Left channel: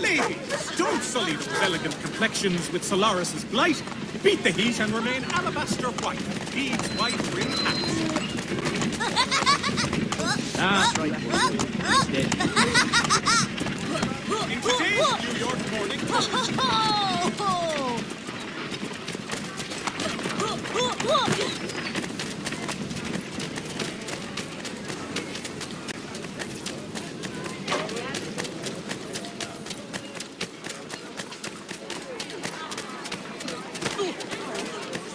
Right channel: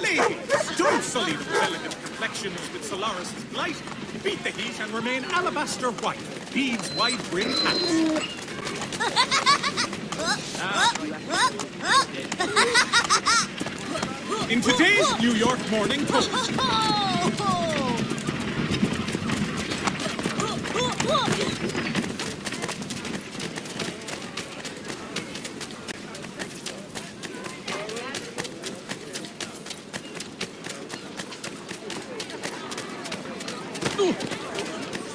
Ladies, don't sully those elegant complexions with Solaris's blight. Beat the heat and remain alabaster white. Beads wide-brimmed hats. In today's New York Morning Post.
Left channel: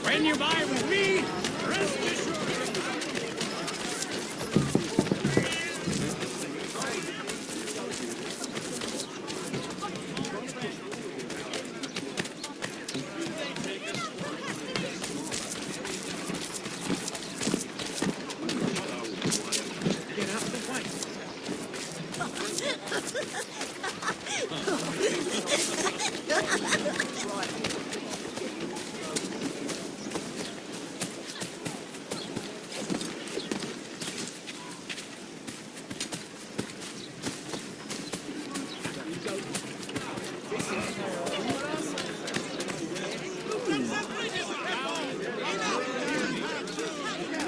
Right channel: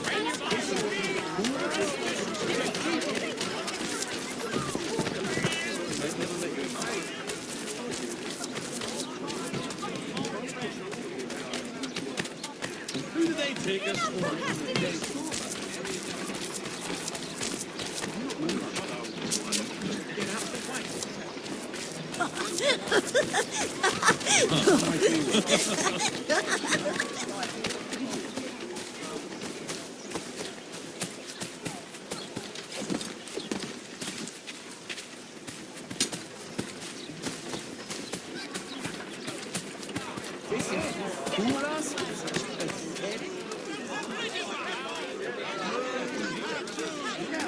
When you buy with me, who do they take us for? Get out the white.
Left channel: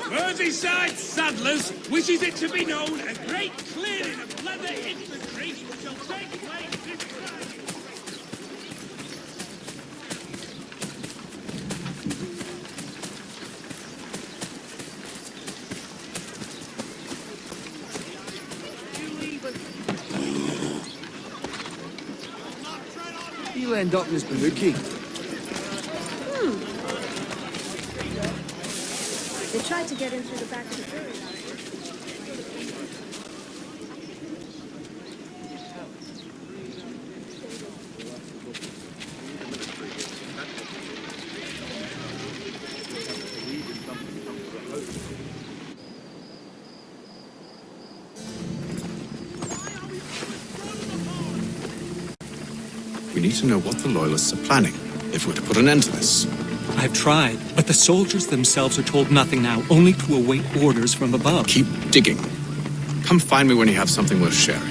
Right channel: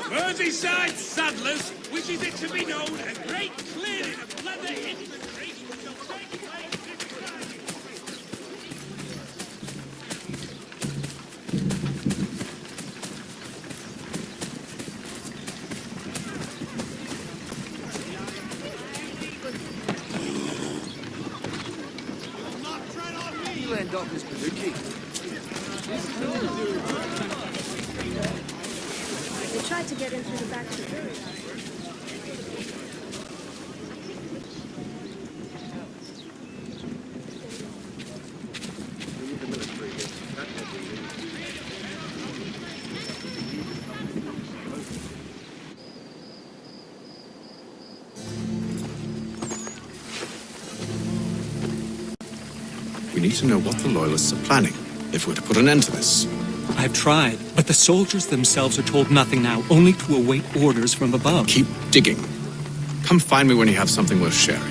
Merseyside Saddlers wishes it to be known a great clearing of leather infantry shall take place this Friday. You end up, Mr. Mookie. They tried to get in through the back of the jury. We need to know what the Loyalists are planning, if we're to put an end to this. I've tried, but the soldiers themselves are told nothing now, only to await orders from above. Keep digging. Come find me when you have something worth sharing.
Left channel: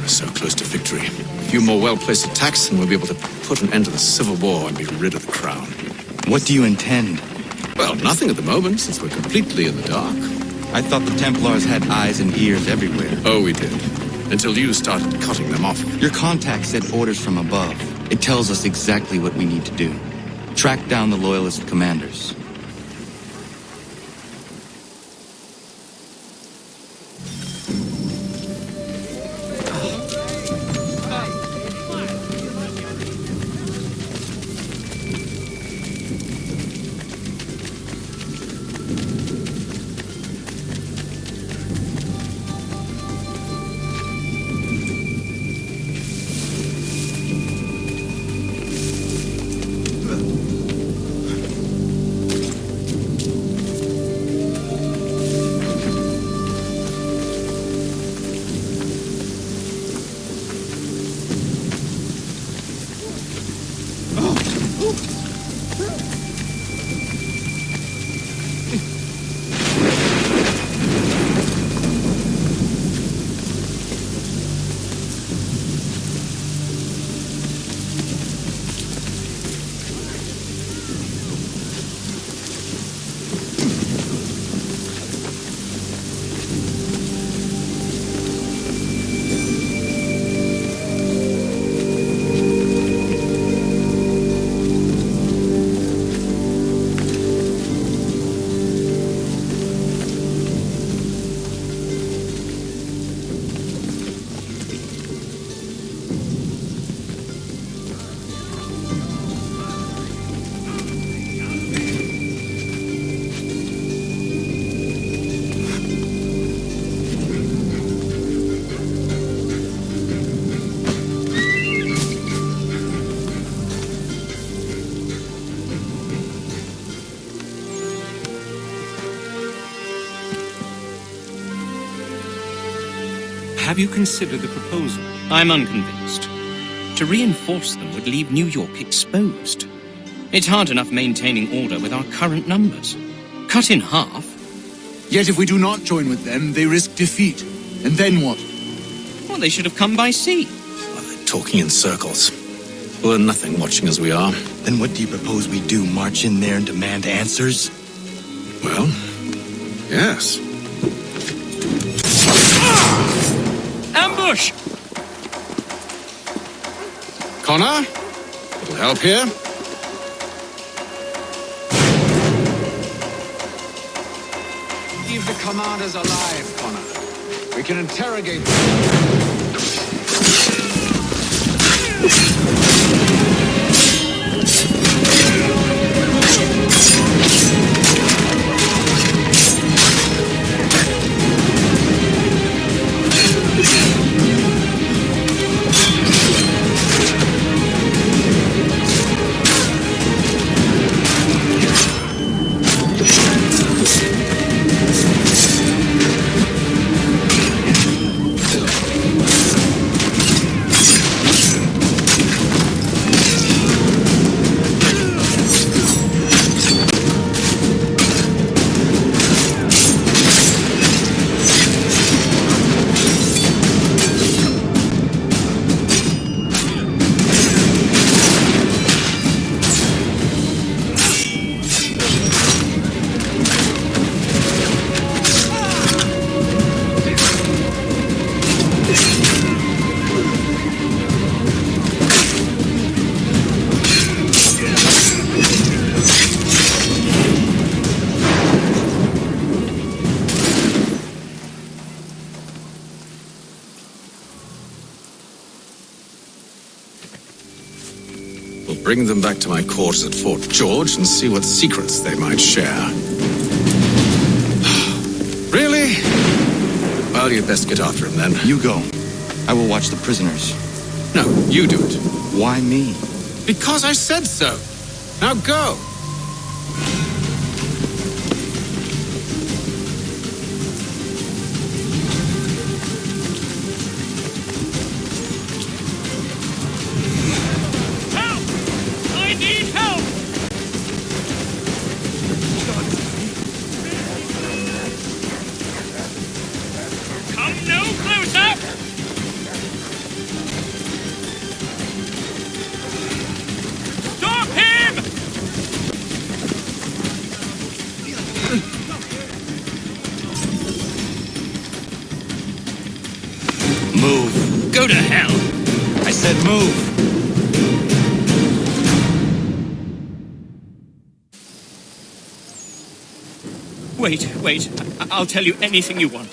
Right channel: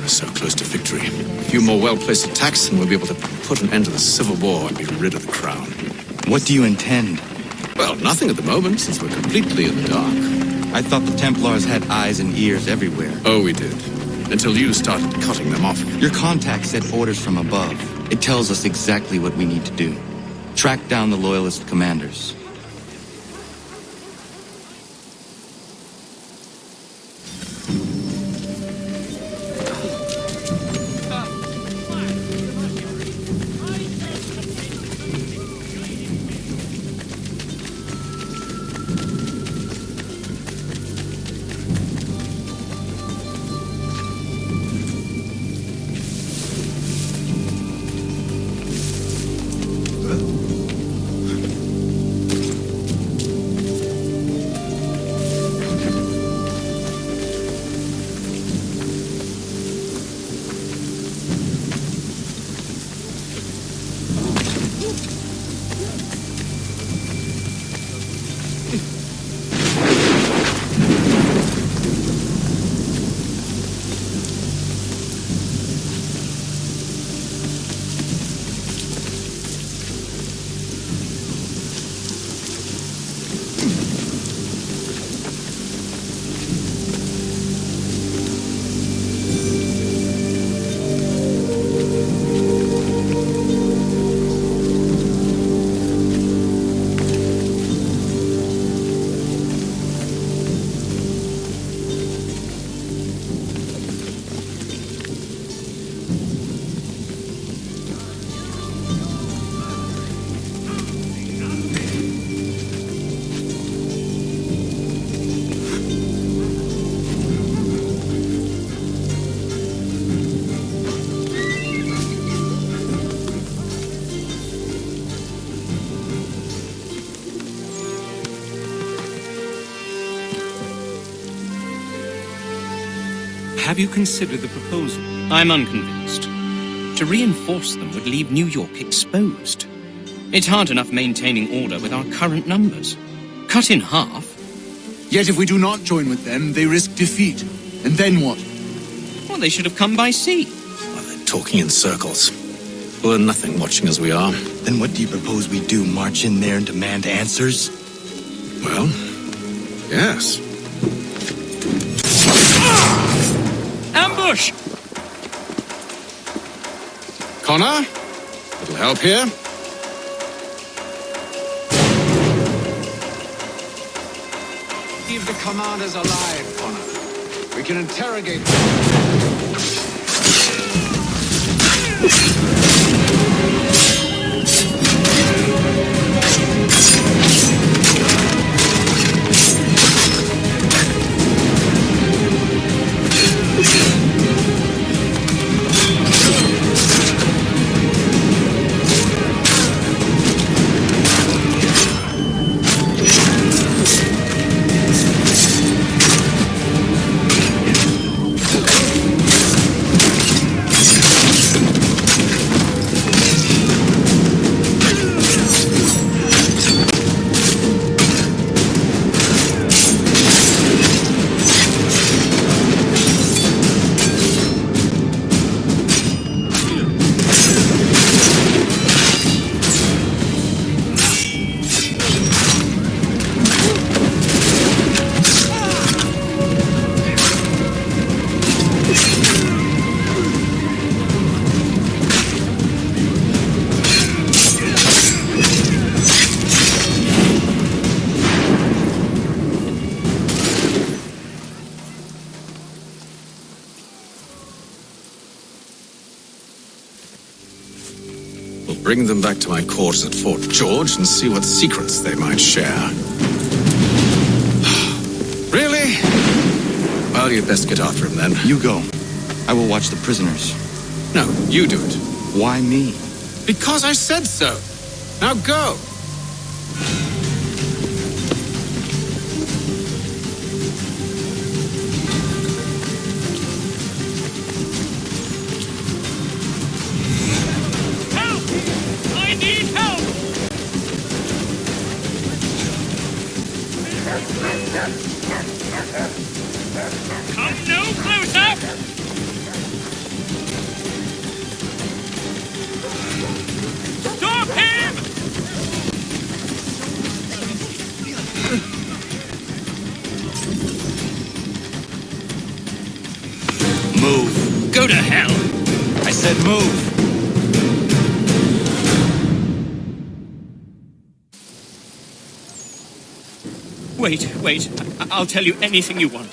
We're so close to victory. A few more well-placed attacks and we'll be able to put an end to the Civil War and be rid of the crown. What do you intend? Well, nothing at the moment, since we're completely in the dark. I thought the Templars had eyes and ears everywhere. Oh, we did. Until you started cutting them off. Your contact said orders from above. It tells us exactly what we need to do. Track down the Loyalist commanders. Have you considered the proposal? I'm unconvinced. To reinforce them would leave New York exposed. It's hard enough maintaining order with our current numbers. Cut in half. Yet if we do not join with them, they risk defeat. And then what? Well, they should have come by sea. Well, they're talking in circles. We'll learn nothing watching as we are. Then what do you propose we do? March in there and demand answers? Well, yes. Ambush! Connor? Little help here? Leave the commanders alive, Connor. We can interrogate them. We'll bring them back to my quarters at Fort George and see what secrets they might share. Really? Well, you'd best get after him then. You go. I will watch the prisoners. No, you do it. Why me? Because I said so. Now go. Help! I need help! Come no closer! Stop him! Move. Go to hell! I said move. Wait. I'll tell you anything you want.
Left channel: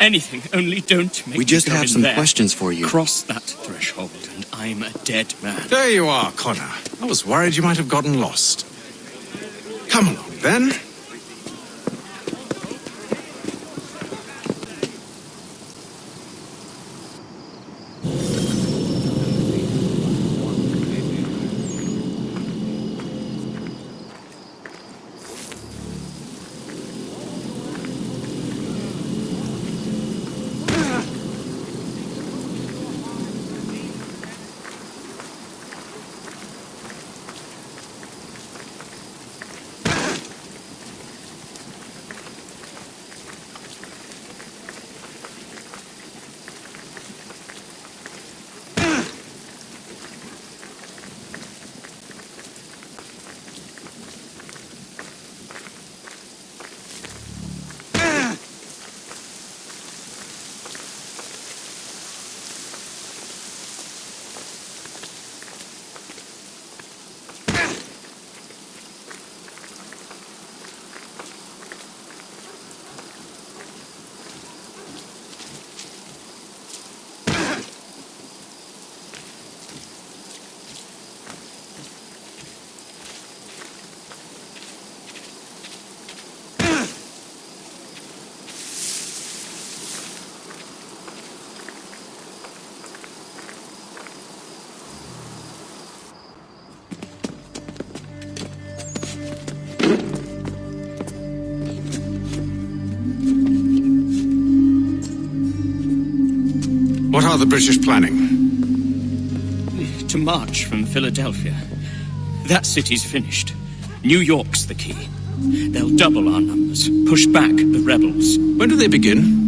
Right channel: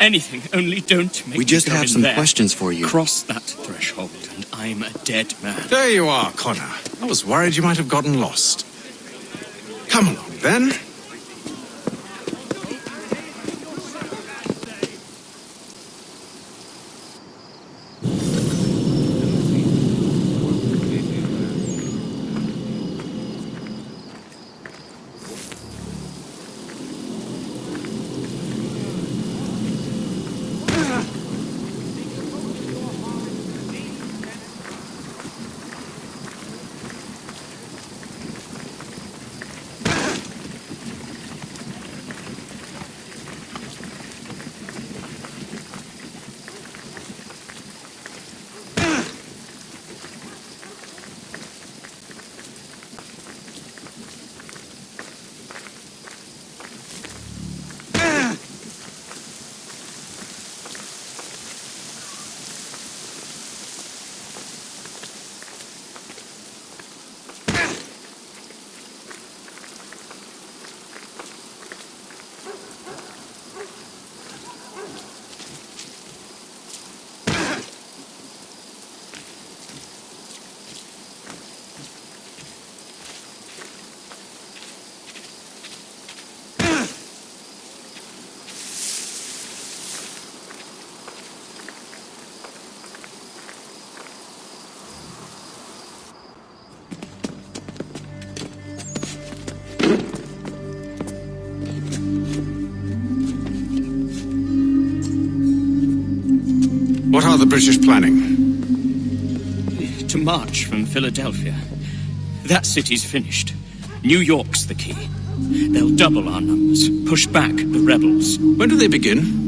Anything, only don't make We me just go have in some there. questions for you. Cross that threshold, and I'm a dead man. There you are, Connor. I was worried you might have gotten lost. Come along, then. are the British planning? To march from Philadelphia. That city's finished. New York's the key. They'll double our numbers, push back the rebels. When do they begin?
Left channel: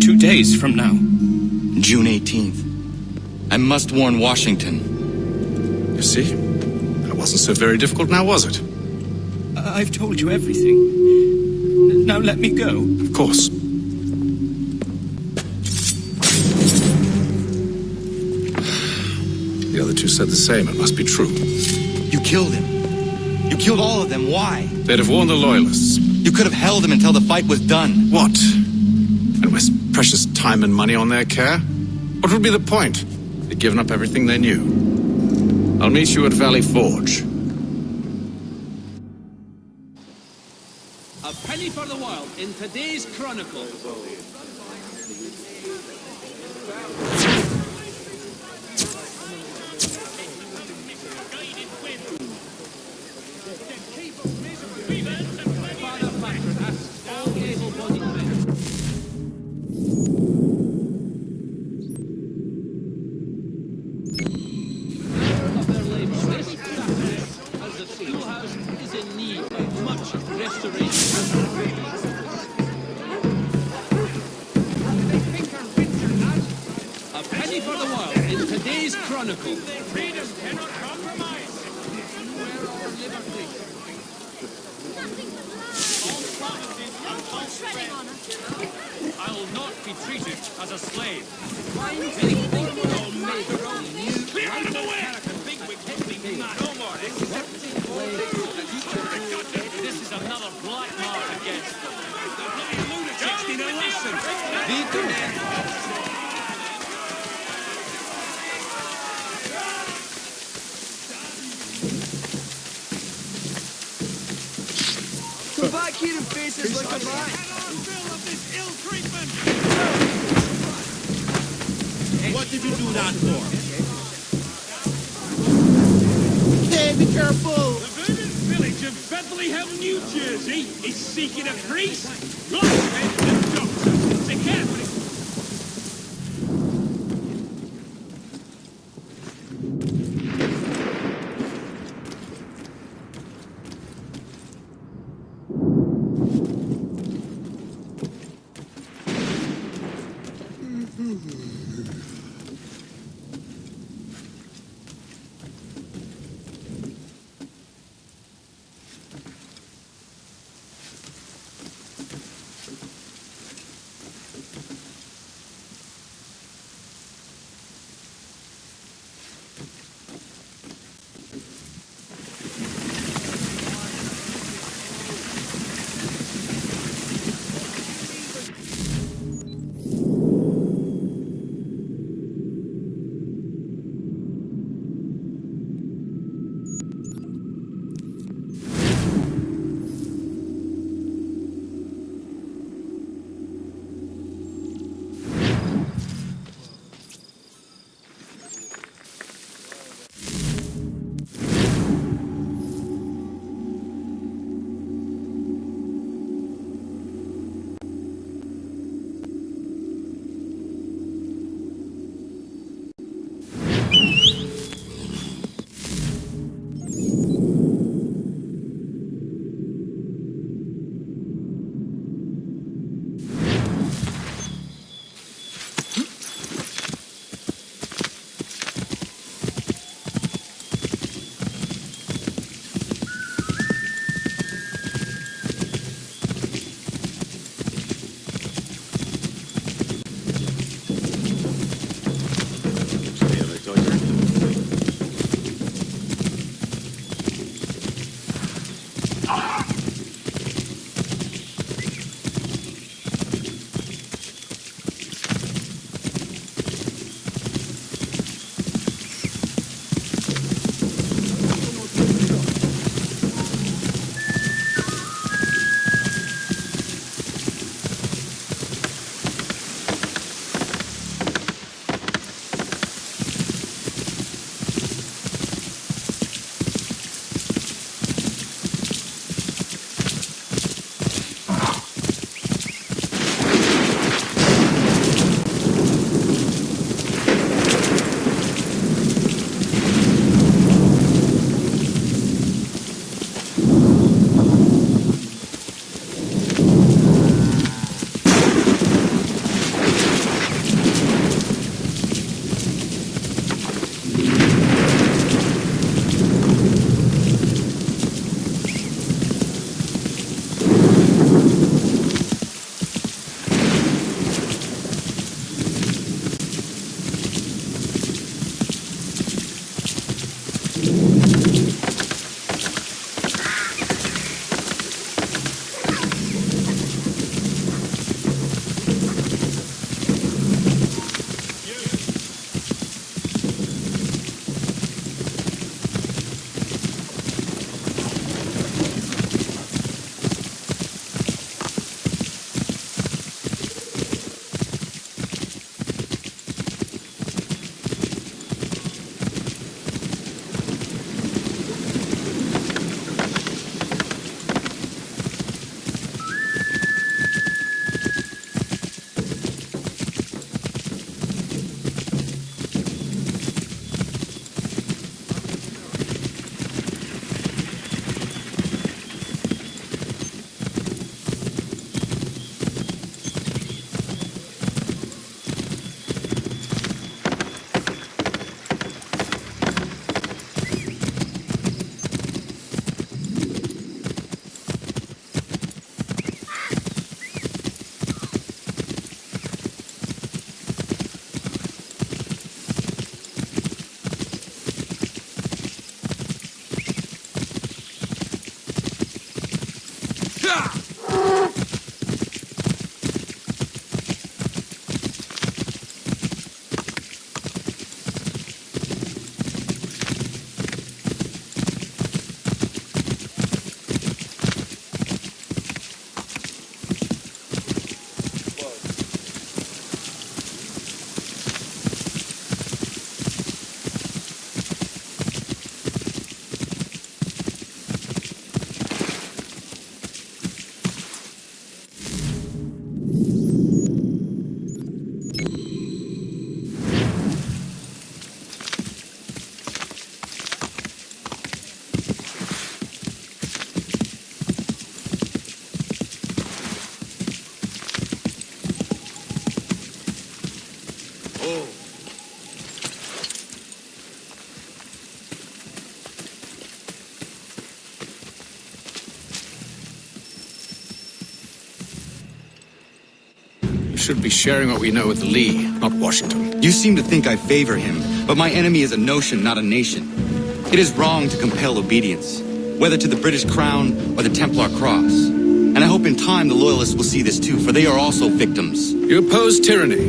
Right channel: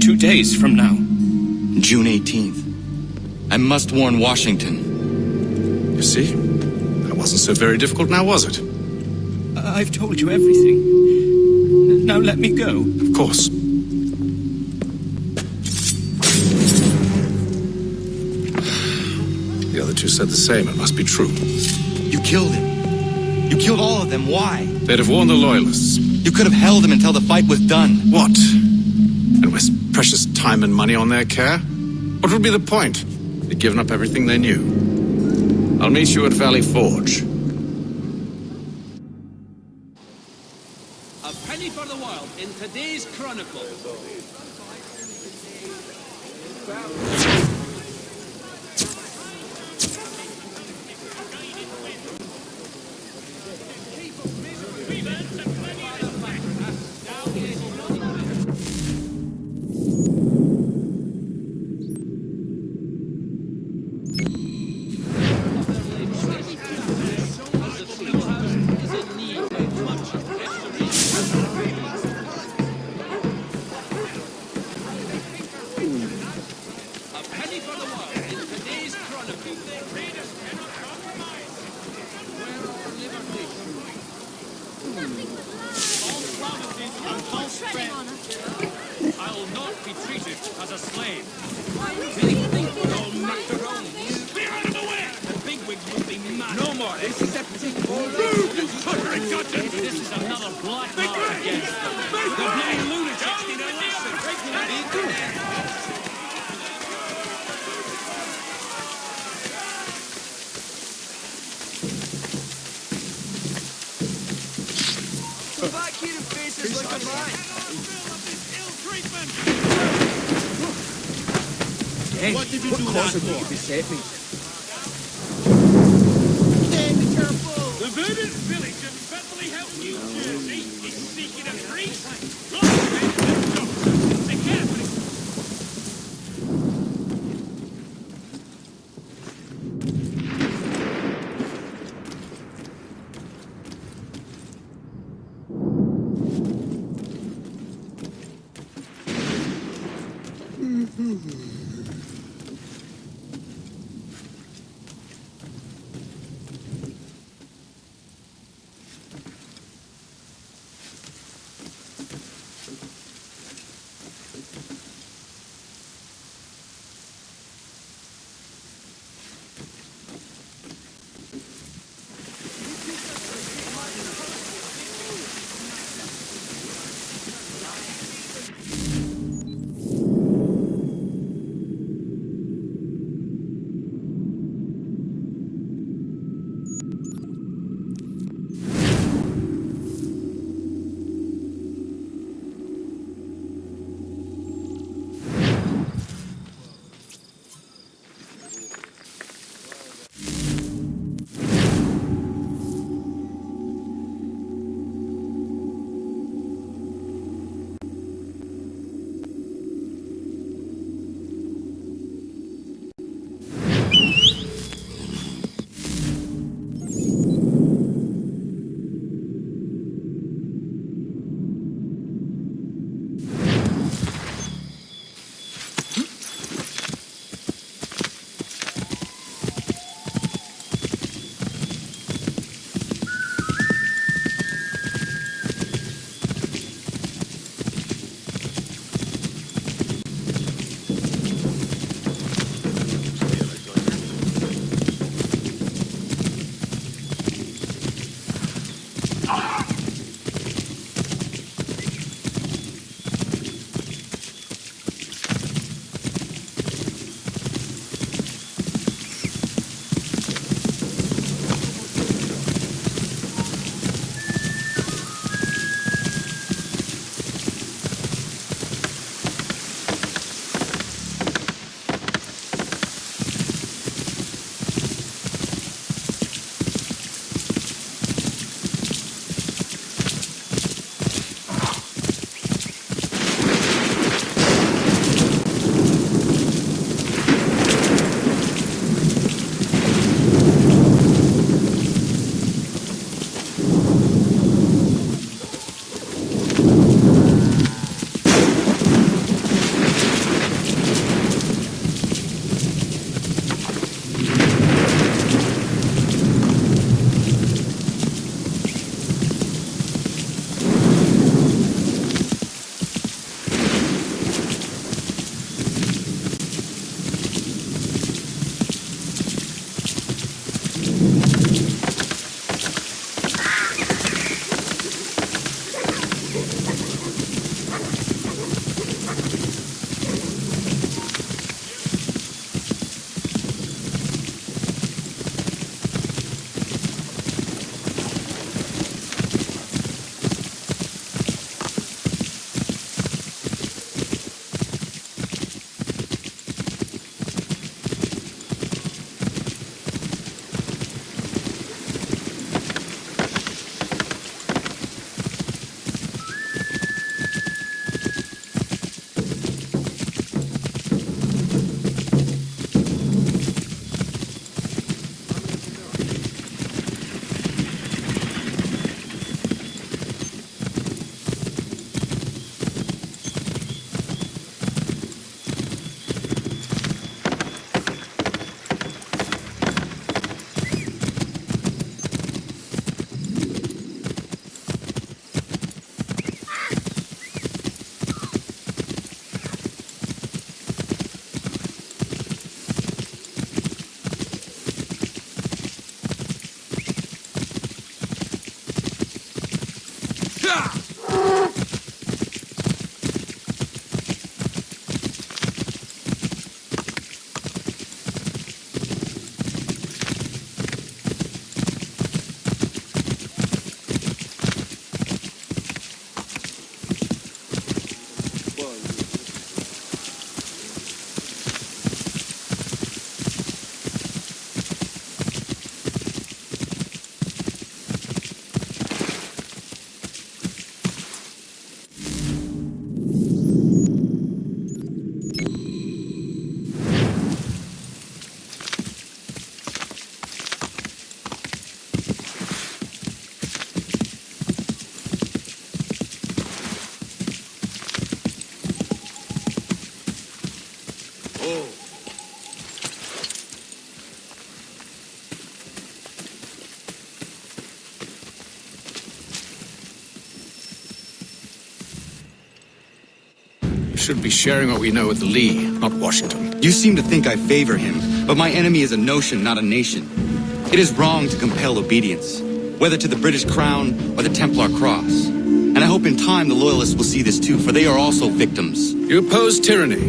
2 days from now. June 18th. I must warn Washington. You see? That wasn't so very difficult now, was it? I've told you everything. Now let me go. Of course. The other two said the same. It must be true. You killed him. You killed all of them. Why? They'd have warned the Loyalists. You could have held him until the fight was done. What? And waste precious time and money on their care? What would be the point? They'd given up everything they knew. I'll meet you at Valley Forge. A penny for the world in today's Chronicle. I will not be treated as a slave. Clear out of the way! The bigwigs will be mad. No more. This is another black mark against them. The bloody lunatics need a lesson. Faces look alike. What did you do that for? Hey, be careful! The voodoo village of Bethlehem, New Jersey is seeking a priest, blacksmith, and doctor. Take care, please. We should be sharing what we know with Lee, not Washington. You seem to think I favor him, but my enemy is a notion, not a nation. It is wrong to compel obedience, whether to the British Crown or the Templar Cross. And I hope in time the Loyalists will see this too, for they are also victims. You oppose tyranny,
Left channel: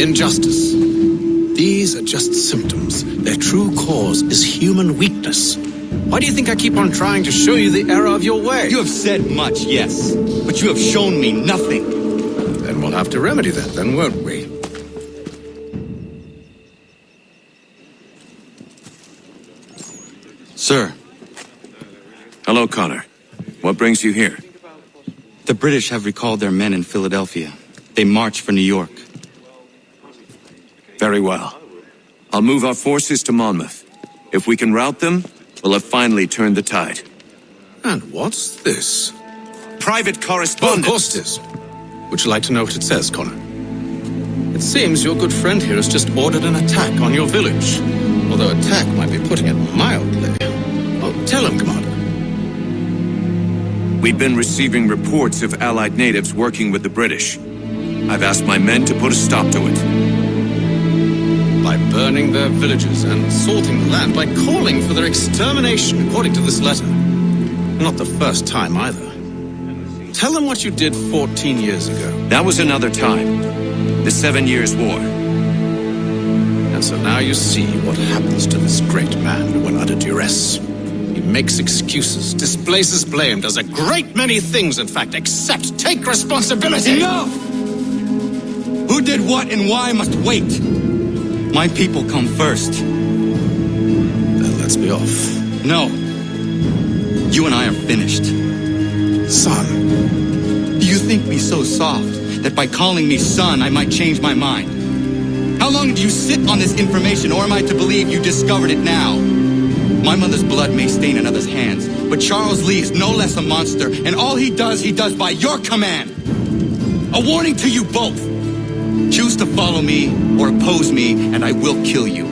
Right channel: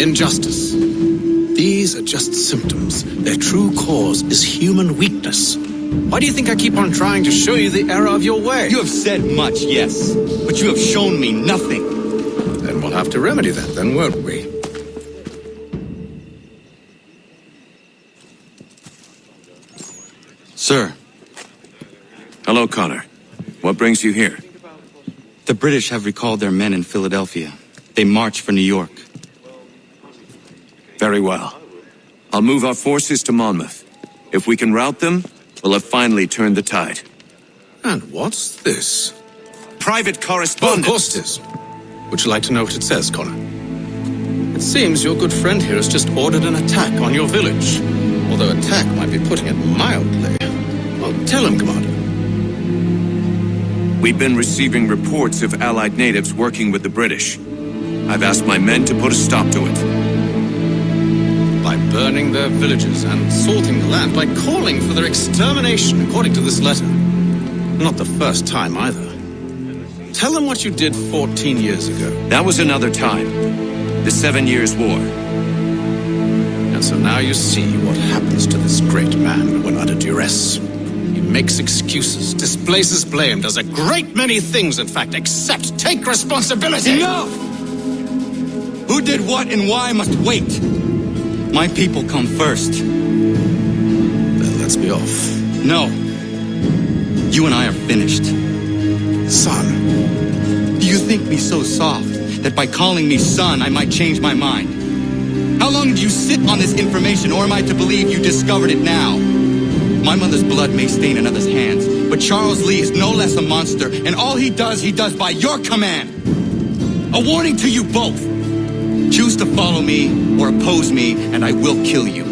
injustice. These are just symptoms. Their true cause is human weakness. Why do you think I keep on trying to show you the error of your way? You have said much, yes, but you have shown me nothing. Then we'll have to remedy that then, won't we? Sir. Hello, Connor. What brings you here? The British have recalled their men in Philadelphia. They march for New York. Very well. I'll move our forces to Monmouth. If we can rout them, we'll have finally turned the tide. And what's this? Private Well, correspondence! of course it is. Would you like to know what it says, Connor? It seems your good friend here has just ordered an attack on your village. Although attack might be putting it mildly. Well, tell him, Commander. We've been receiving reports of Allied natives working with the British. I've asked my men to put a stop to it. By burning their villages and salting the land, by calling for their extermination, according to this letter. Not the first time, either. Tell them what you did 14 years ago. That was another time. The 7 Years' War. And so now you see what happens to this great man when under duress. He makes excuses, displaces blame, does a great many things, in fact, except take responsibility! Enough! Who did what and why must wait. My people come first. Then let's be off. No. You and I are finished. Son. Do you think me so soft that by calling me son I might change my mind? How long did you sit on this information, or am I to believe you discovered it now? My mother's blood may stain another's hands, but Charles Lee is no less a monster, and all he does by your command. A warning to you both. Choose to follow me or oppose me, and I will kill you.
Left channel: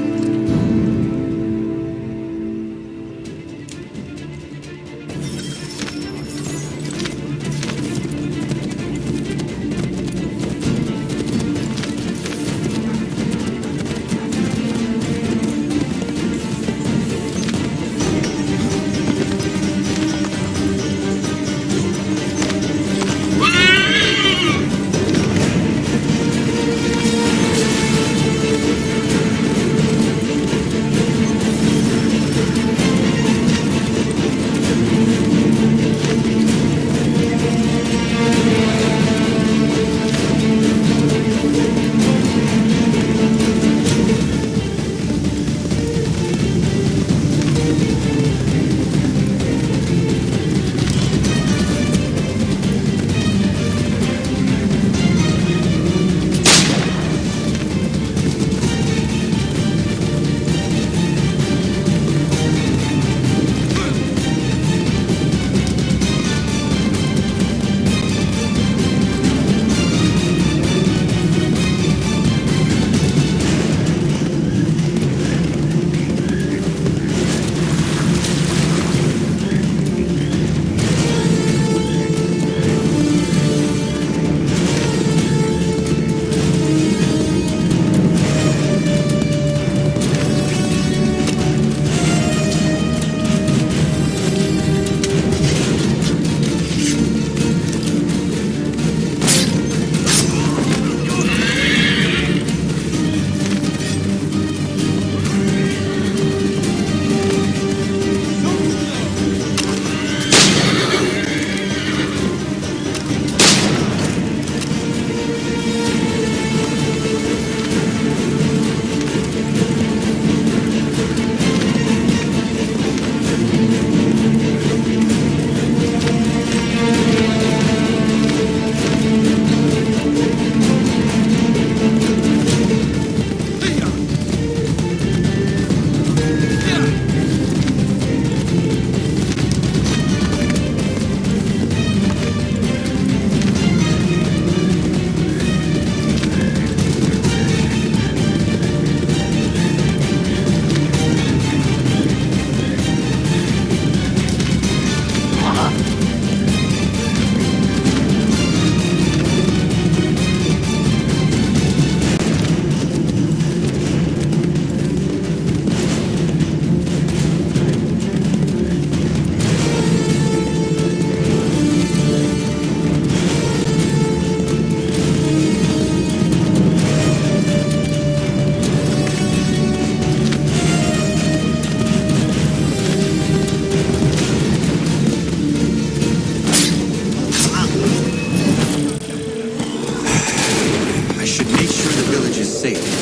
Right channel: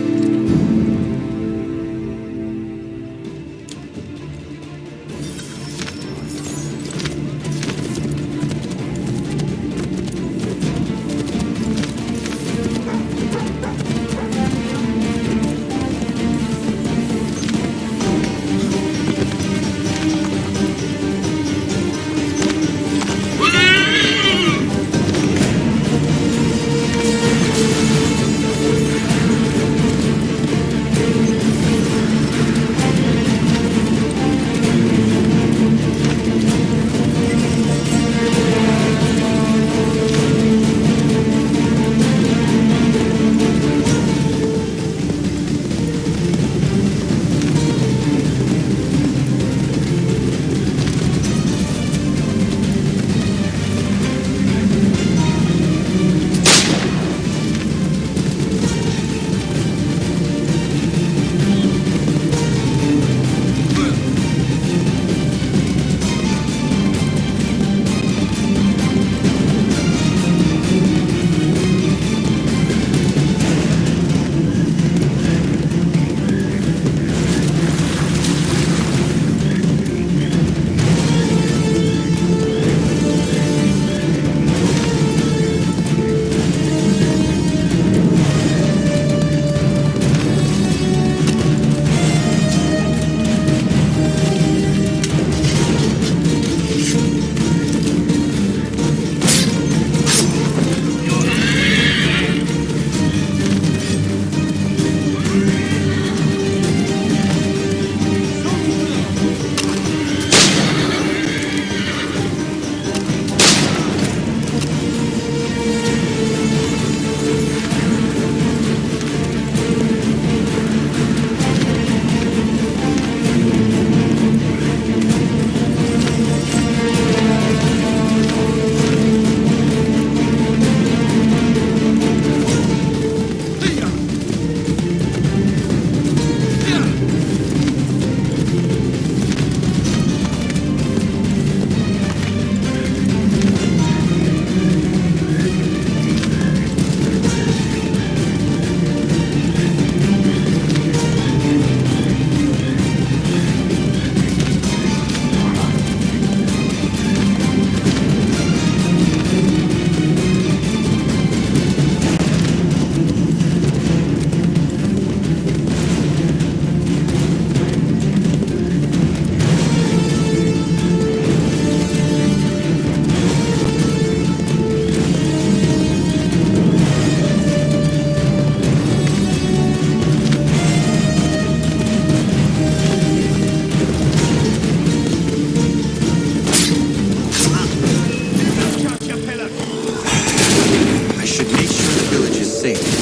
safe.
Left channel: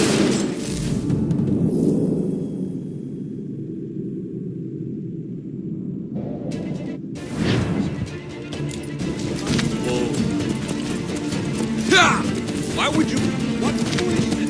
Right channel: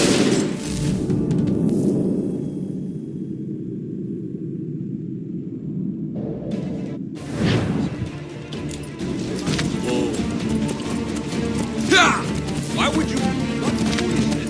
Why would you? What foolishness!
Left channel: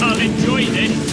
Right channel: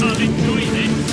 I'll enjoy this.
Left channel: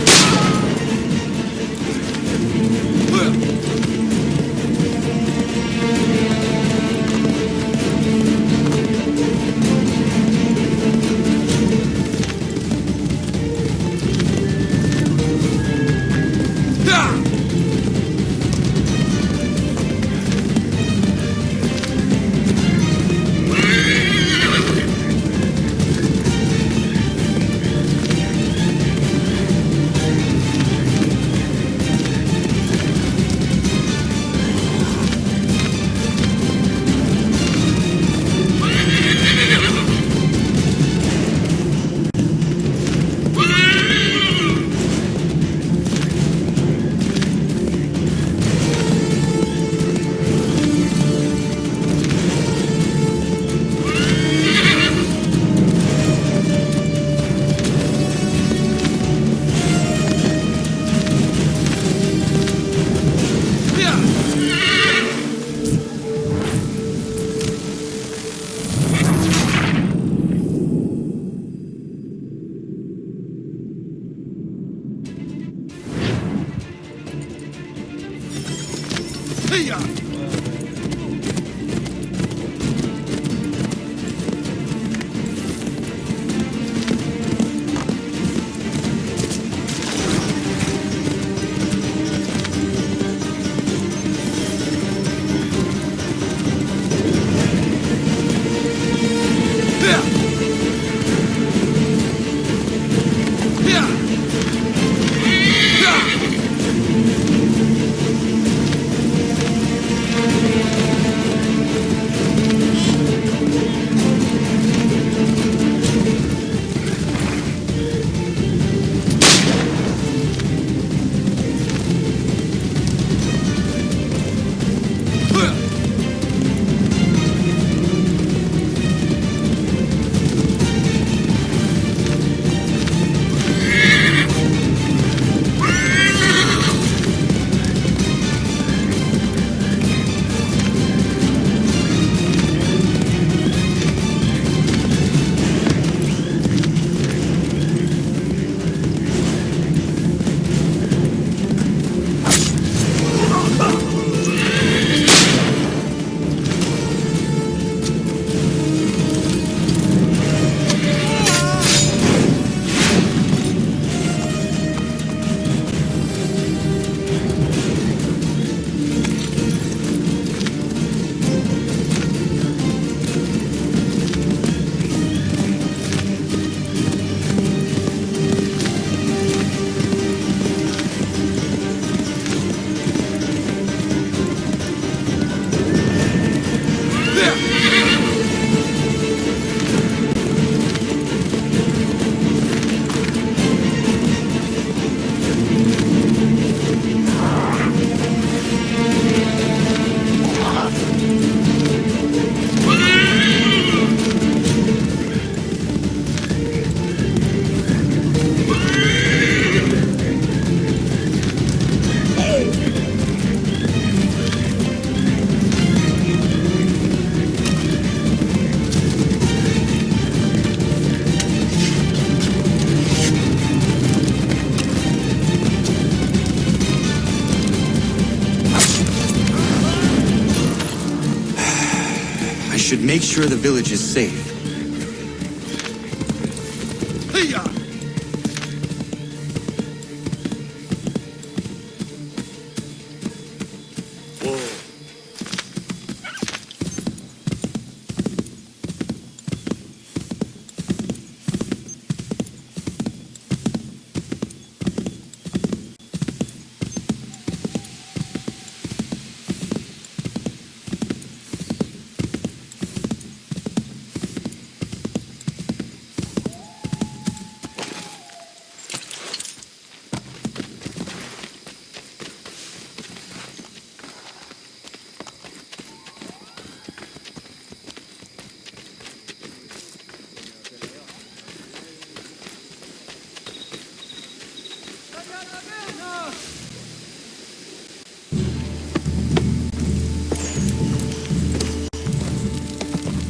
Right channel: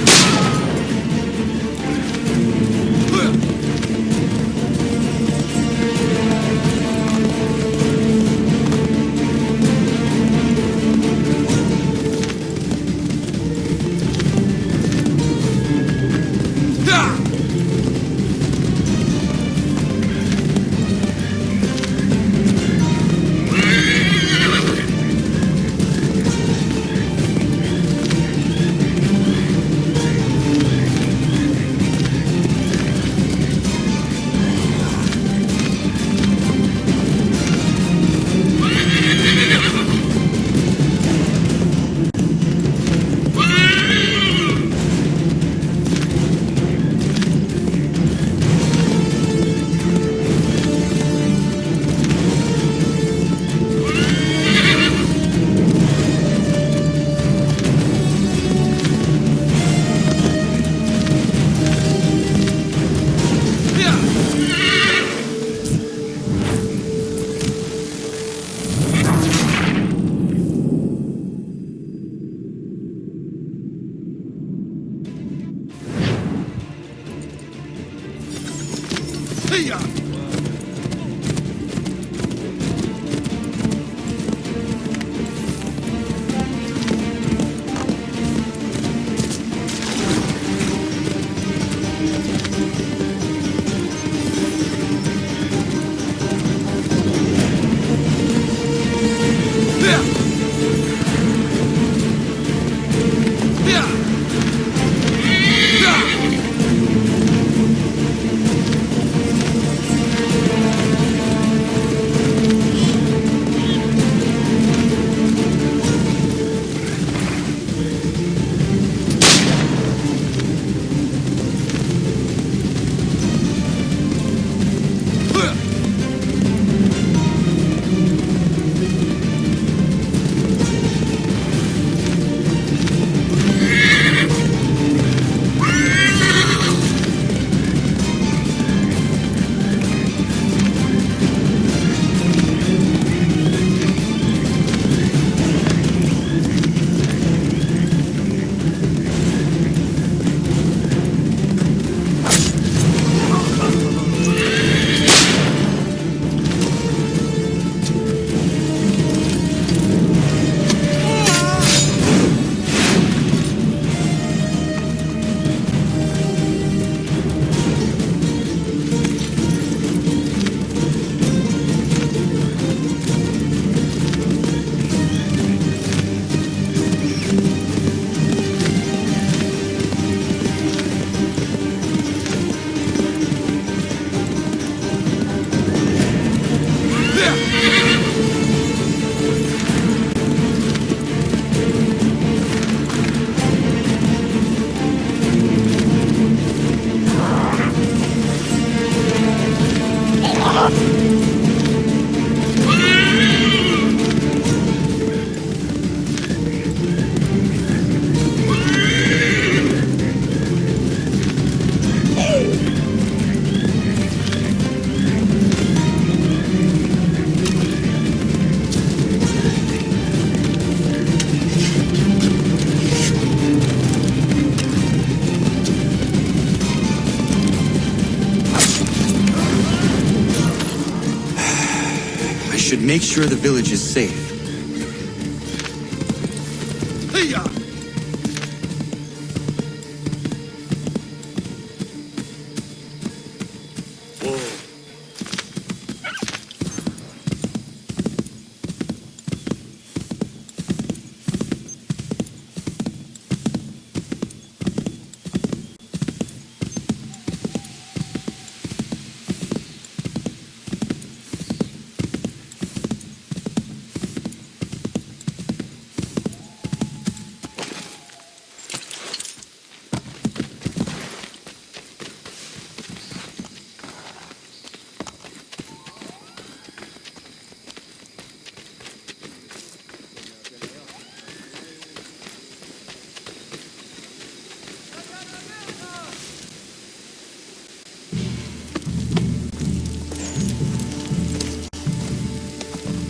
should make sure the village is safe.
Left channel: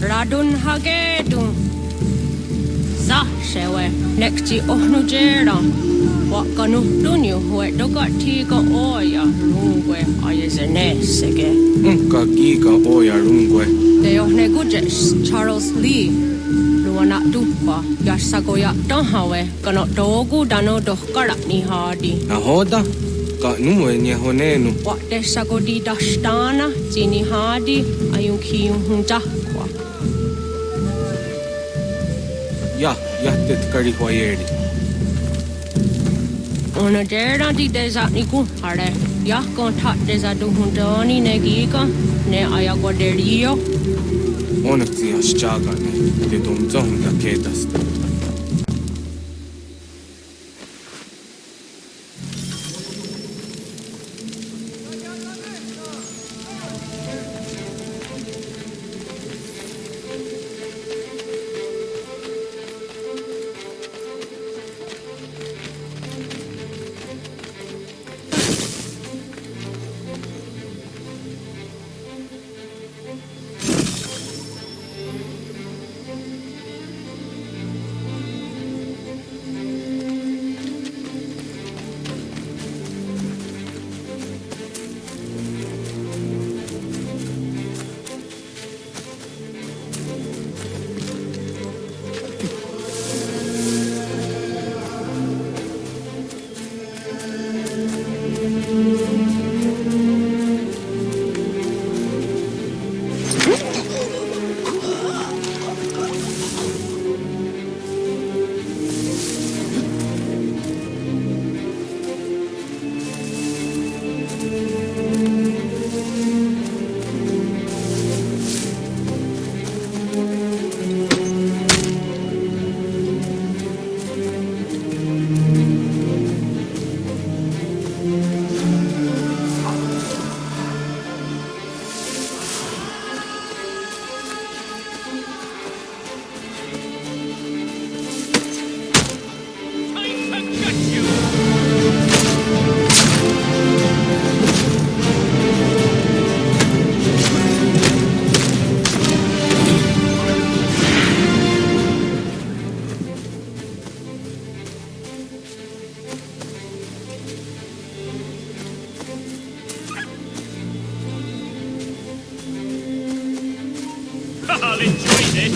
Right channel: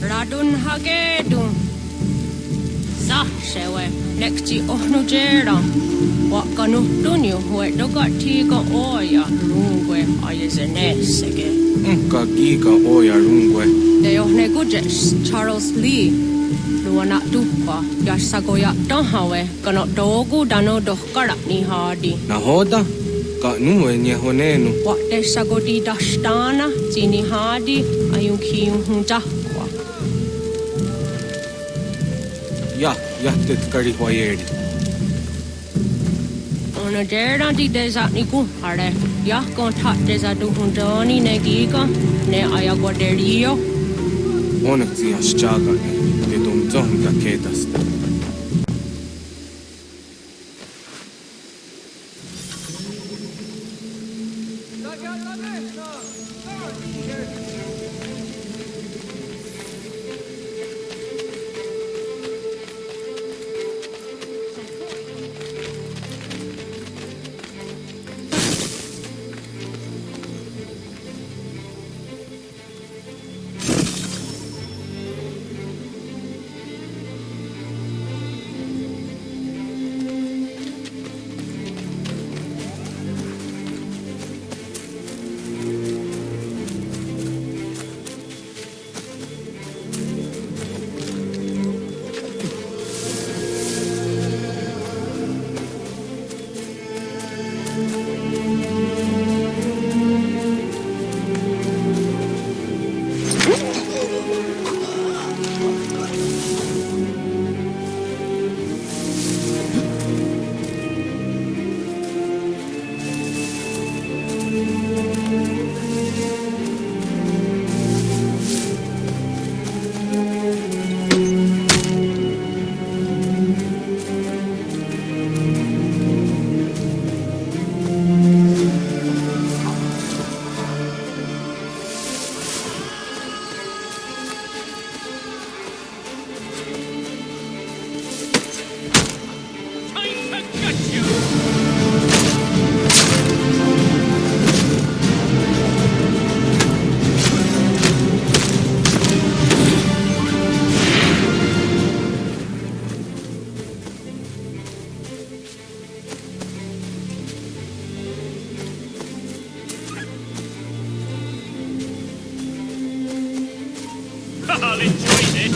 Radun hagedun. Zashewe, nekti ohnujera. Wakanu dunyu, we dogati ga oya rungwe ayezenesege. Unka giga oya rungwe. De ohne gujes, Charles Lee. Luana dukwa, yasagoya donhawe, ganot dogu dano dohkara ni hadi. Nahoda? Ka numwe nye honenu. Wat de sagodi dashtana, zini hadi, ayunki hunja. Jahtet karihwajeri. Ona dera di deza ni kuhare. Kon tat deza duhuntoni ne giga, ne ayagoderio. Onekti aschagane, de domzon da kedasta. I'll enjoy this.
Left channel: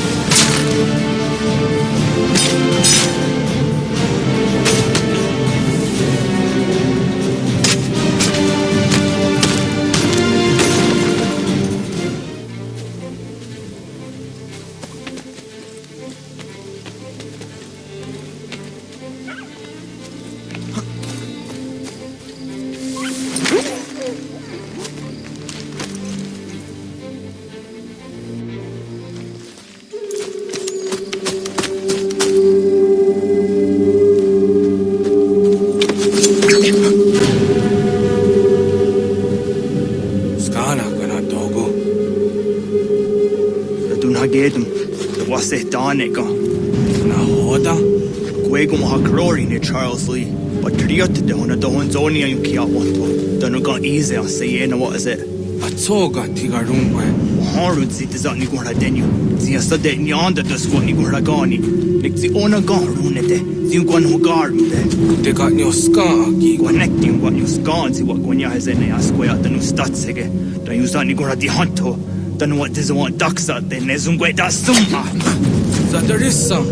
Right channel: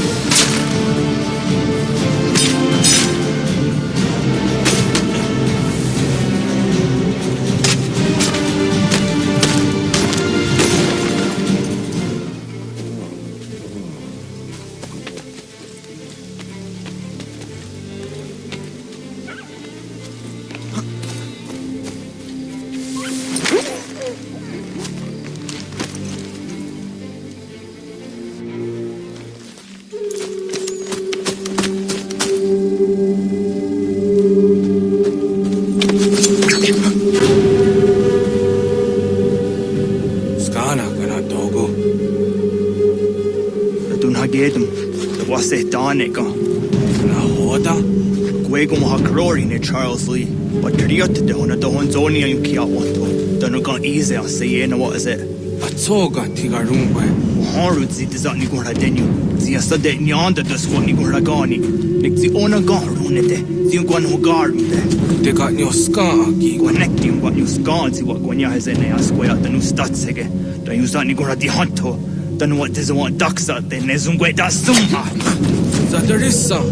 Gedum, the was it Donica. Nahoda? Guego Hakrori ne Charles Lee, but Triot de Hona Dohonzonia you Kiawato. Don't go easy, I say, what is it? Atsoga Tigarungwe. Harud zit is on Nigura Denu. Zia Sade Nyanda the squat Nigura Gani. Nick the Ona Garunete, Zinguan who garden there. They got your scar, connecting what you scan, see what Gwanya has in a square at the new Statsege. Then use that Nigura di Hunto. Then what does want ducks out there? Nezungwe da sumpa. Zadarissa.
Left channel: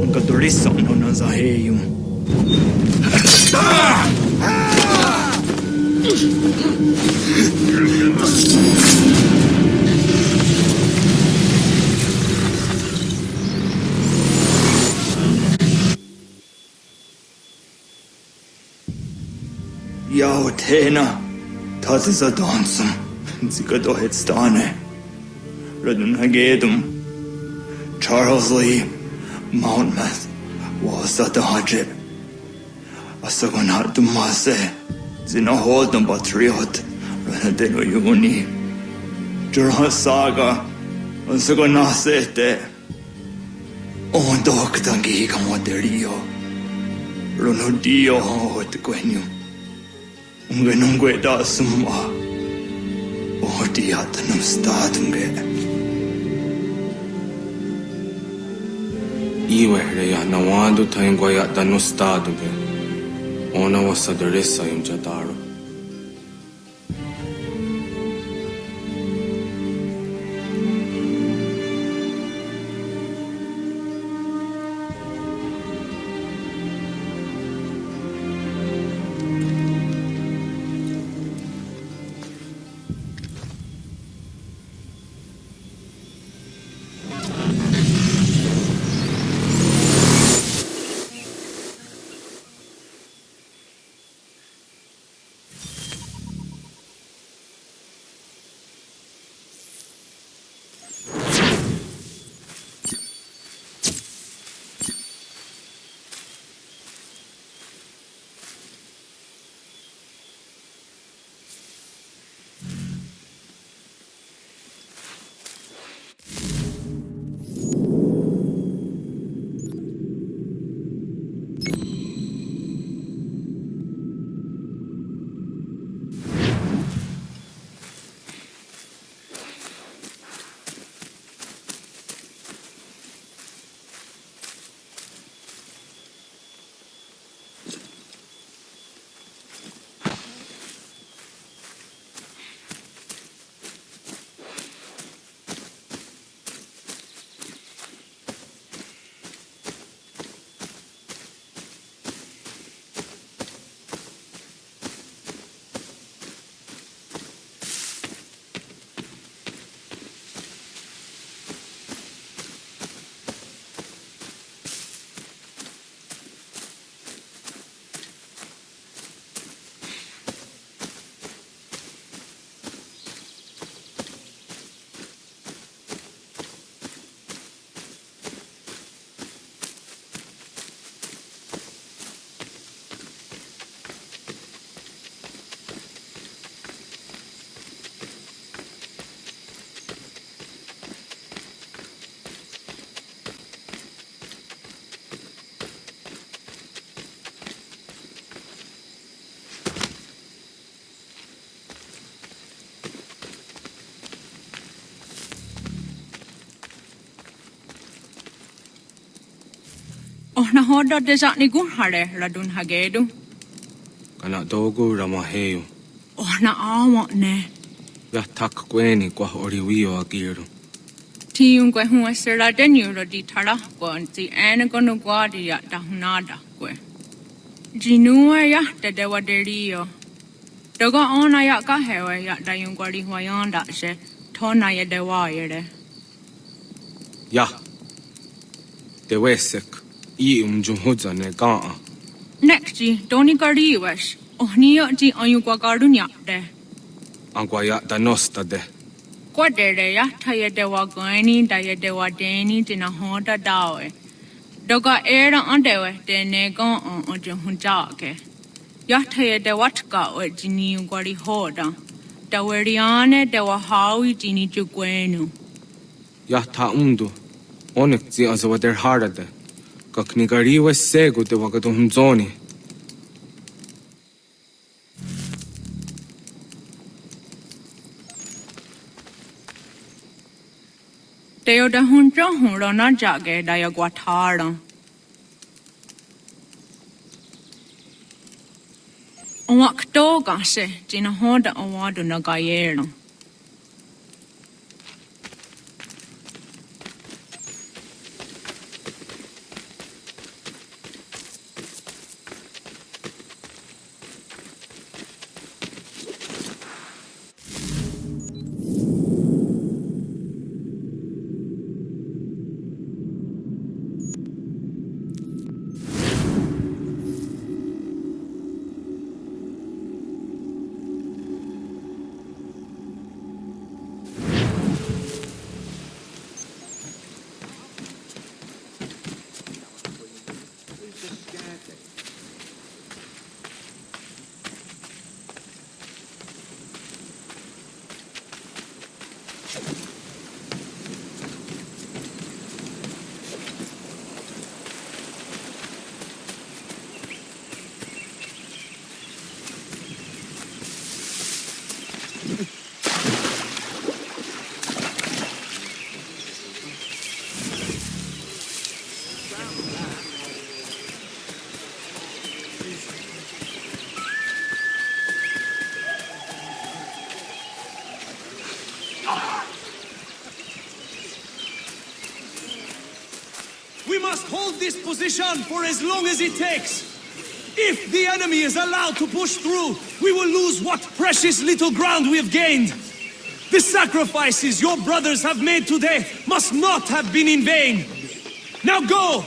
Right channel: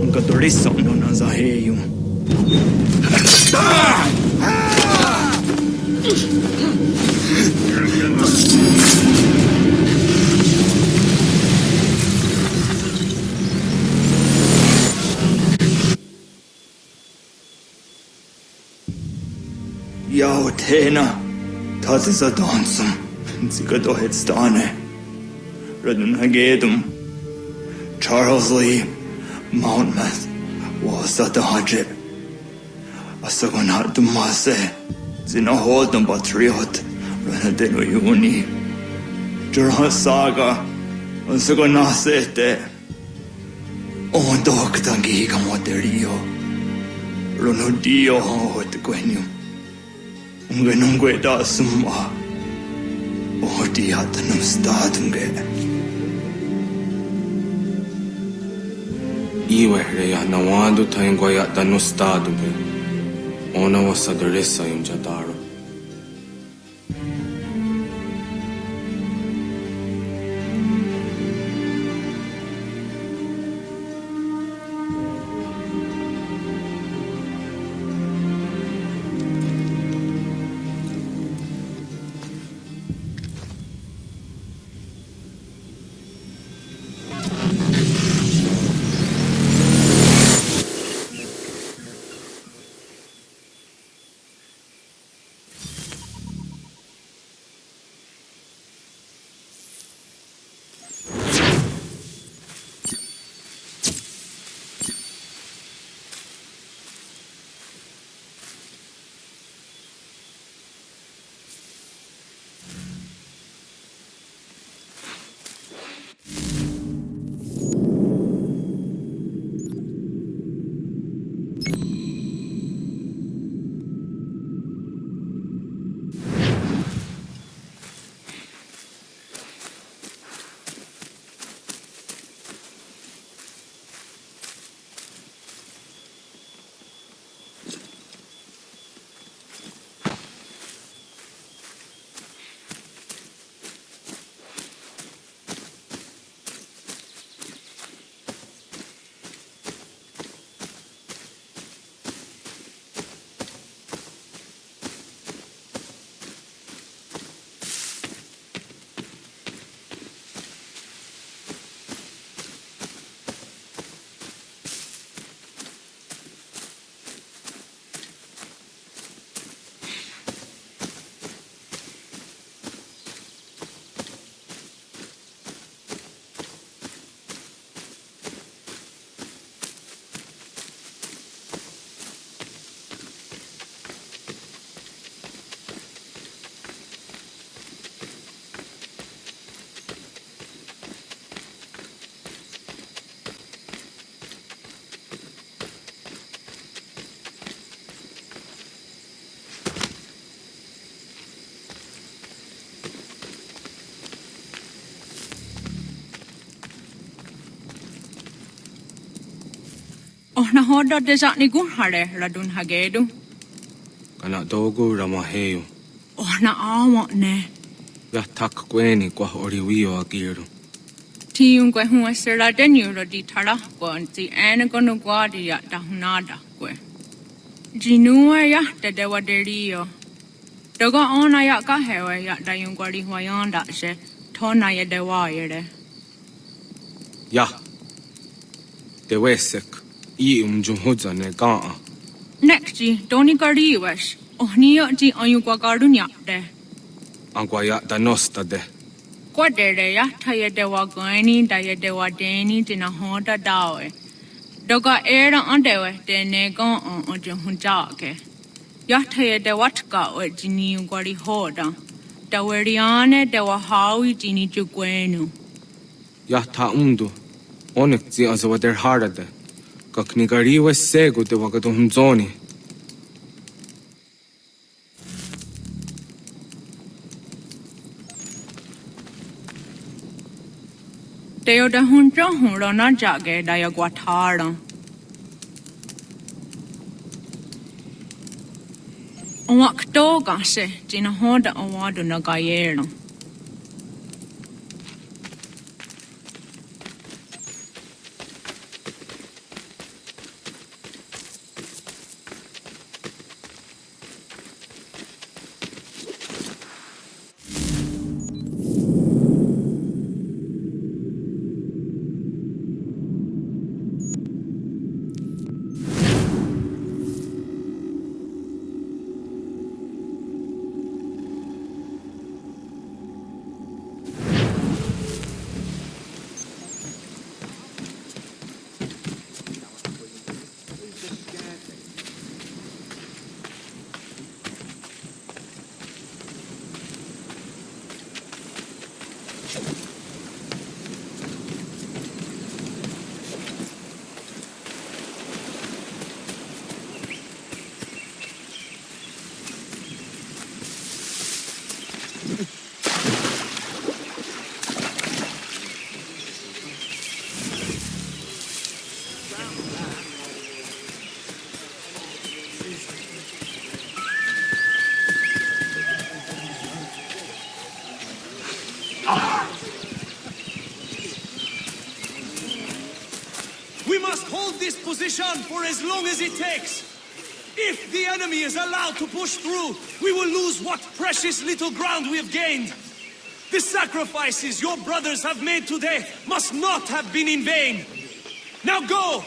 Unka dorissa no nazaheyum. Yao tena. Tatisa dansum. Zikado headstane. Radun hagedum. Charles Lee. Mountmouth. Wasata hajib. Asagonat dumase. Zinahodum batriot. Ranadeno yuni. Jurha saga. Asagonasete. Ondok tangi kamoterio. Runudio hot quenu. Ungenungue da summa. Odiatanum statunge. Iwereya nawando taingwaya danustadube. Ona wasadarissa imjataro. Na hoda desa ni gun hare radun hagedu. Kana dogu ramaheyu. Na awa ne. Ya tak kweni kwa oriwio agiru. Tiun kwe hua sera denyu di tara kwa nti ene kono kwa di ya dahunada kwe. Jinua ya dedewa derio. Doga ona ya kahewe ya dayun kwa di huayanda she tona ya dewa yere. Ya. Dewesek. I umjumhuza ne gaa. Nekji doni kariwesh. Ohniyo di ayu kwa karunya de. Angwa ya danosta de. Kwa dere ya taye dewa gani daye dewa deni dina hoda dawe. Doga era andewe de negon on ojumhujake. Ya taye dewa tka we jini ungwari hoda. Daweriane dewa hawi jini jugwenu. Ya ta Onek zi azawa der harade. Kaknigariwe sego de wagaduhumzoni. Teo da hunjo huro na jage da ya guatara. Onwak do gase jina hoda awadu na gayero. We must hold this position for as long as it takes. If the enemy is allowed to push through, we will lose what precious little ground we have gained. The sacrifices your brothers have made today must not have been in vain. Now go!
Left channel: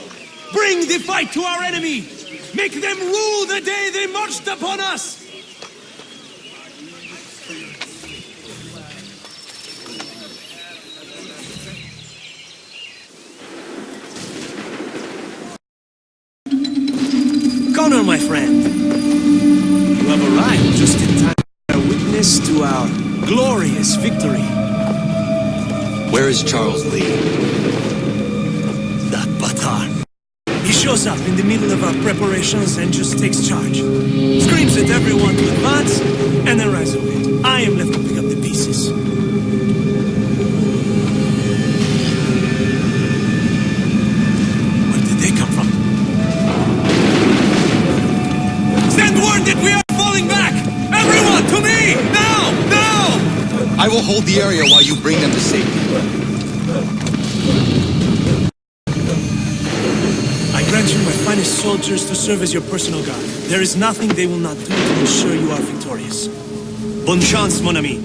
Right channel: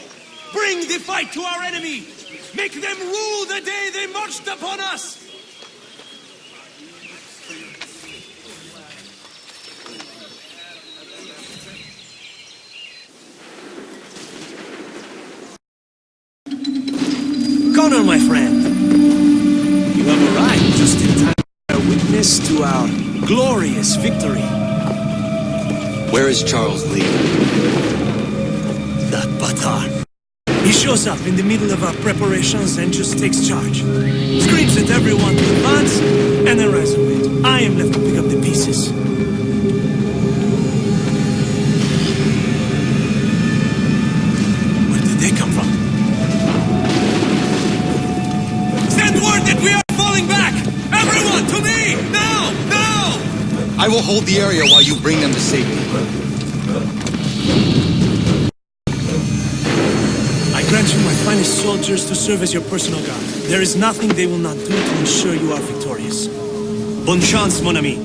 Bring the fight to our enemy! Make them rue the day they marched upon us! Connor, my friend, you have arrived just in time to bear witness to our glorious victory. Where is Charles Lee? That Batar. He shows up in the middle of our preparations and just takes charge. Screams at everyone to advance, and then rides away. I am left to pick up the pieces. Where did they come from? Send word that we are falling back! Everyone, to me! Now! Now! I will hold the area while you bring them to safety. I grant you my finest soldiers to serve as your personal guard. There is nothing they will not do to ensure you are victorious. Bonne chance, mon ami.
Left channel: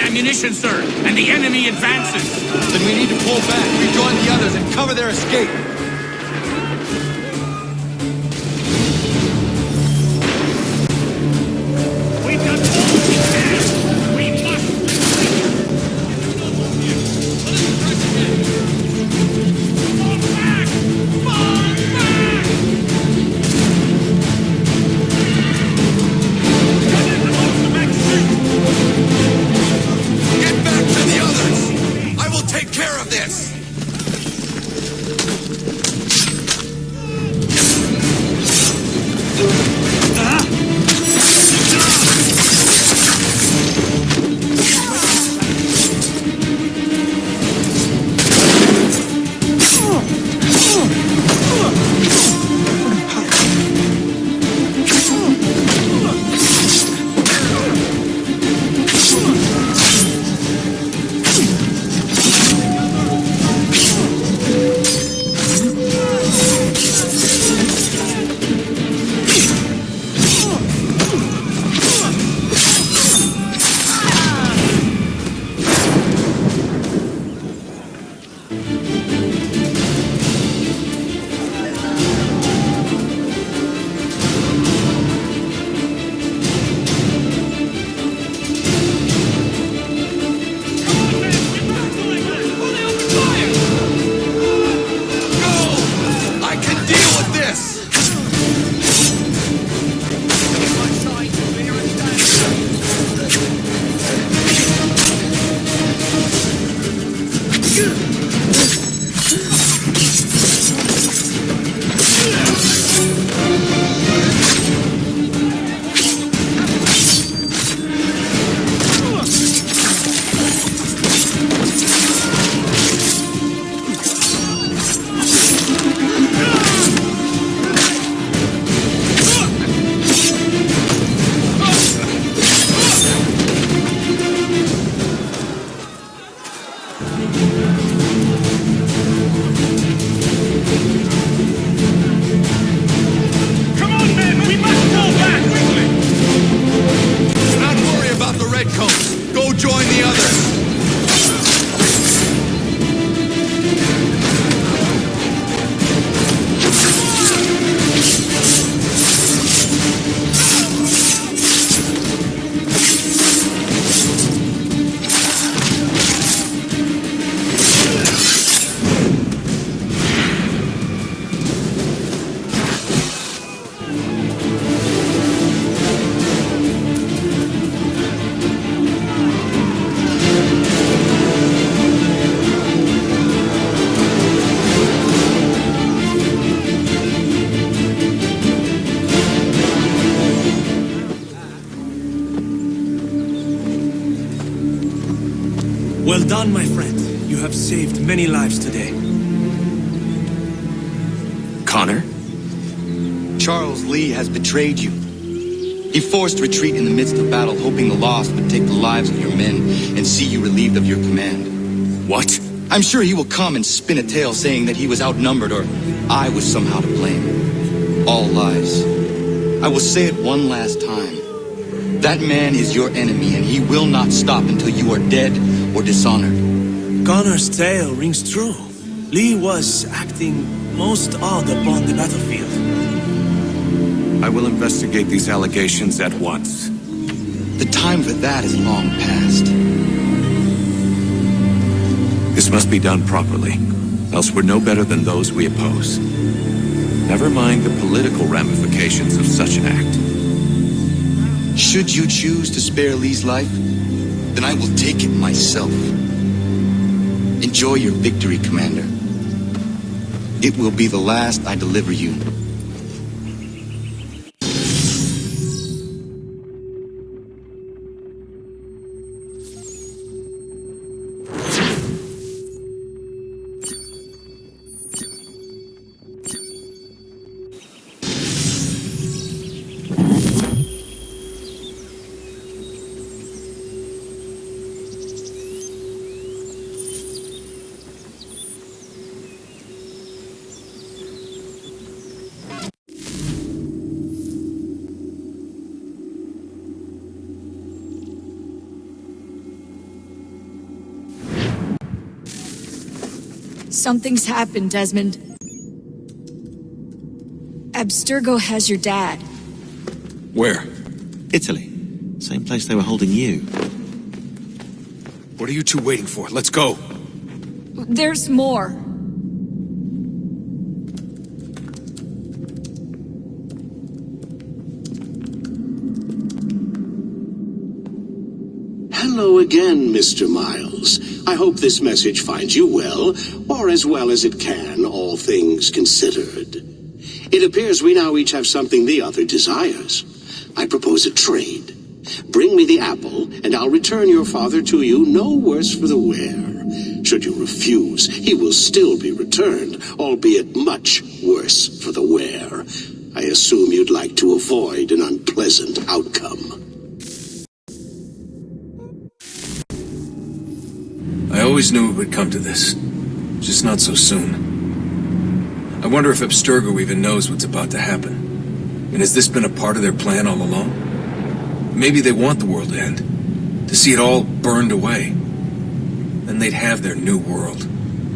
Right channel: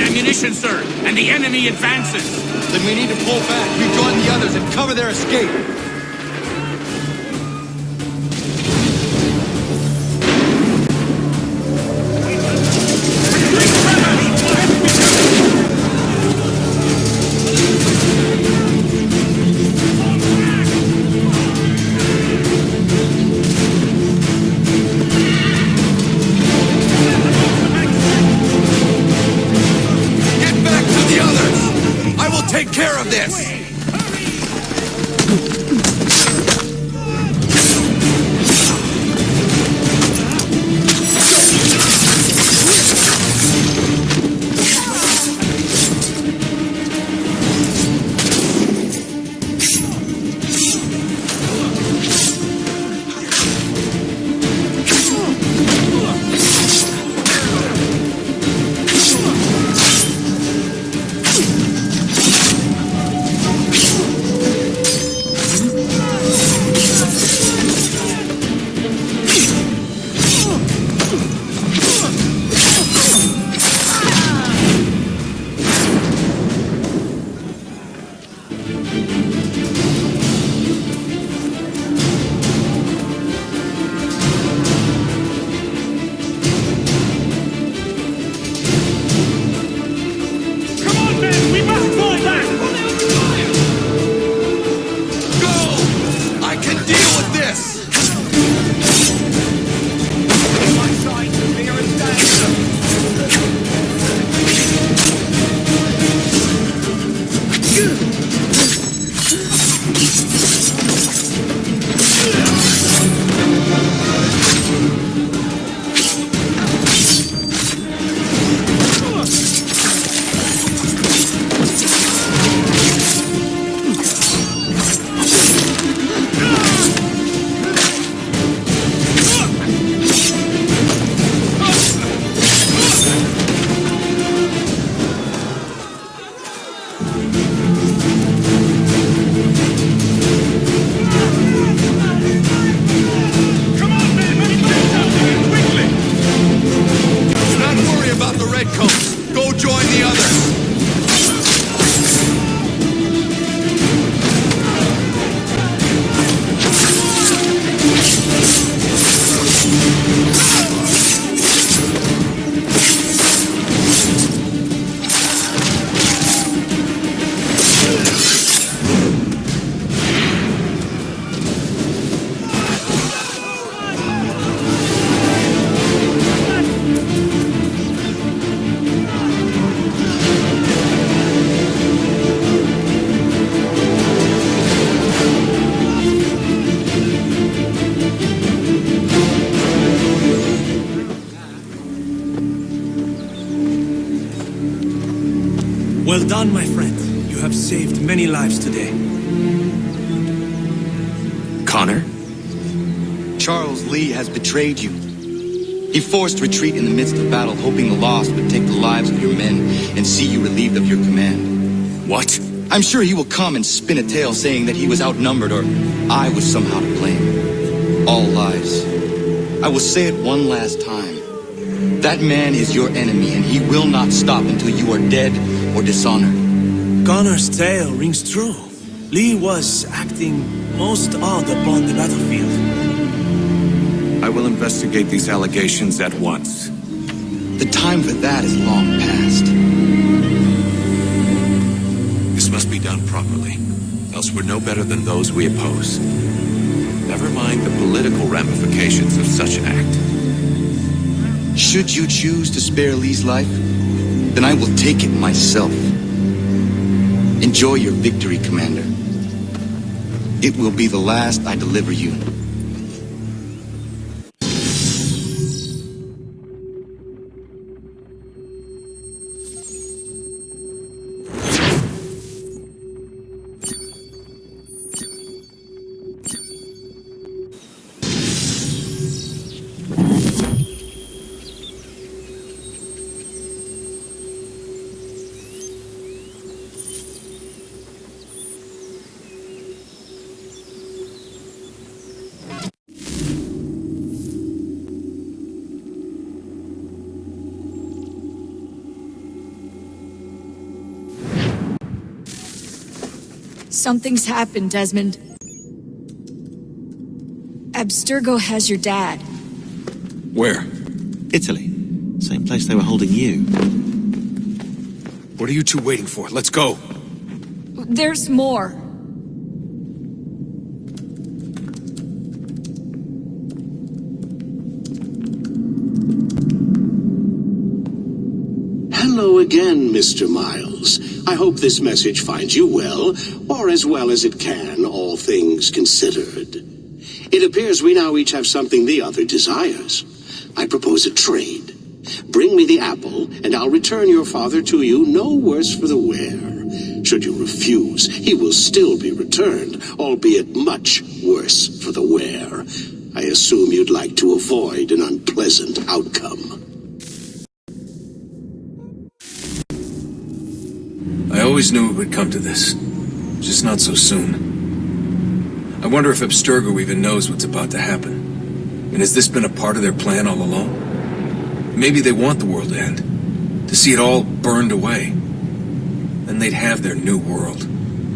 on ammunition, sir, and the enemy advances. Then we need to pull back, rejoin the others, and cover their escape. The others! I will take care of this! about the redcoats. Go join the others. Well done, my friend. You have saved many lives today. Connor? Charles Lee has betrayed you. He forced retreat in the midst of battle, hoping the loss would take the lives of your men and see you relieved of your command. What? I'm sure he will come and spin a tale saying that he was outnumbered or I was somehow to blame. All lies. I will say it one last time. That man is your enemy, and he will not stop until you are dead or dishonored. Connor's tale rings true. Lee was acting most odd upon the battlefield. I will investigate these allegations at once. The time for that is long past. This must be done properly, else we're no better than those we oppose. Never mind the political ramifications of such an act. Should you choose to spare Lee's life, then I will take it myself. Enjoy your victory, Commander. It will be the last I deliver you. Something's happened, Desmond. Abstergo has your dad. Where? Italy. Same place they were holding you. What are you two waiting for? Let's go. There's more. Hello again, Mr. Miles. I hope this message finds you well, or as well as it can, all things considered. It appears we now each have something the other desires. I propose a trade. Bring me the apple, and I'll return your father to you no worse for the wear. Should you refuse, he will still be returned, albeit much worse for the wear. I assume you'd like to avoid an unpleasant outcome. I always knew it would come to this. Just not so soon. I wonder if Abstergo even knows what's about to happen. And has this been a part of their plan all along? Maybe they want the world to end. To see it all burned away. Then they'd have their new world,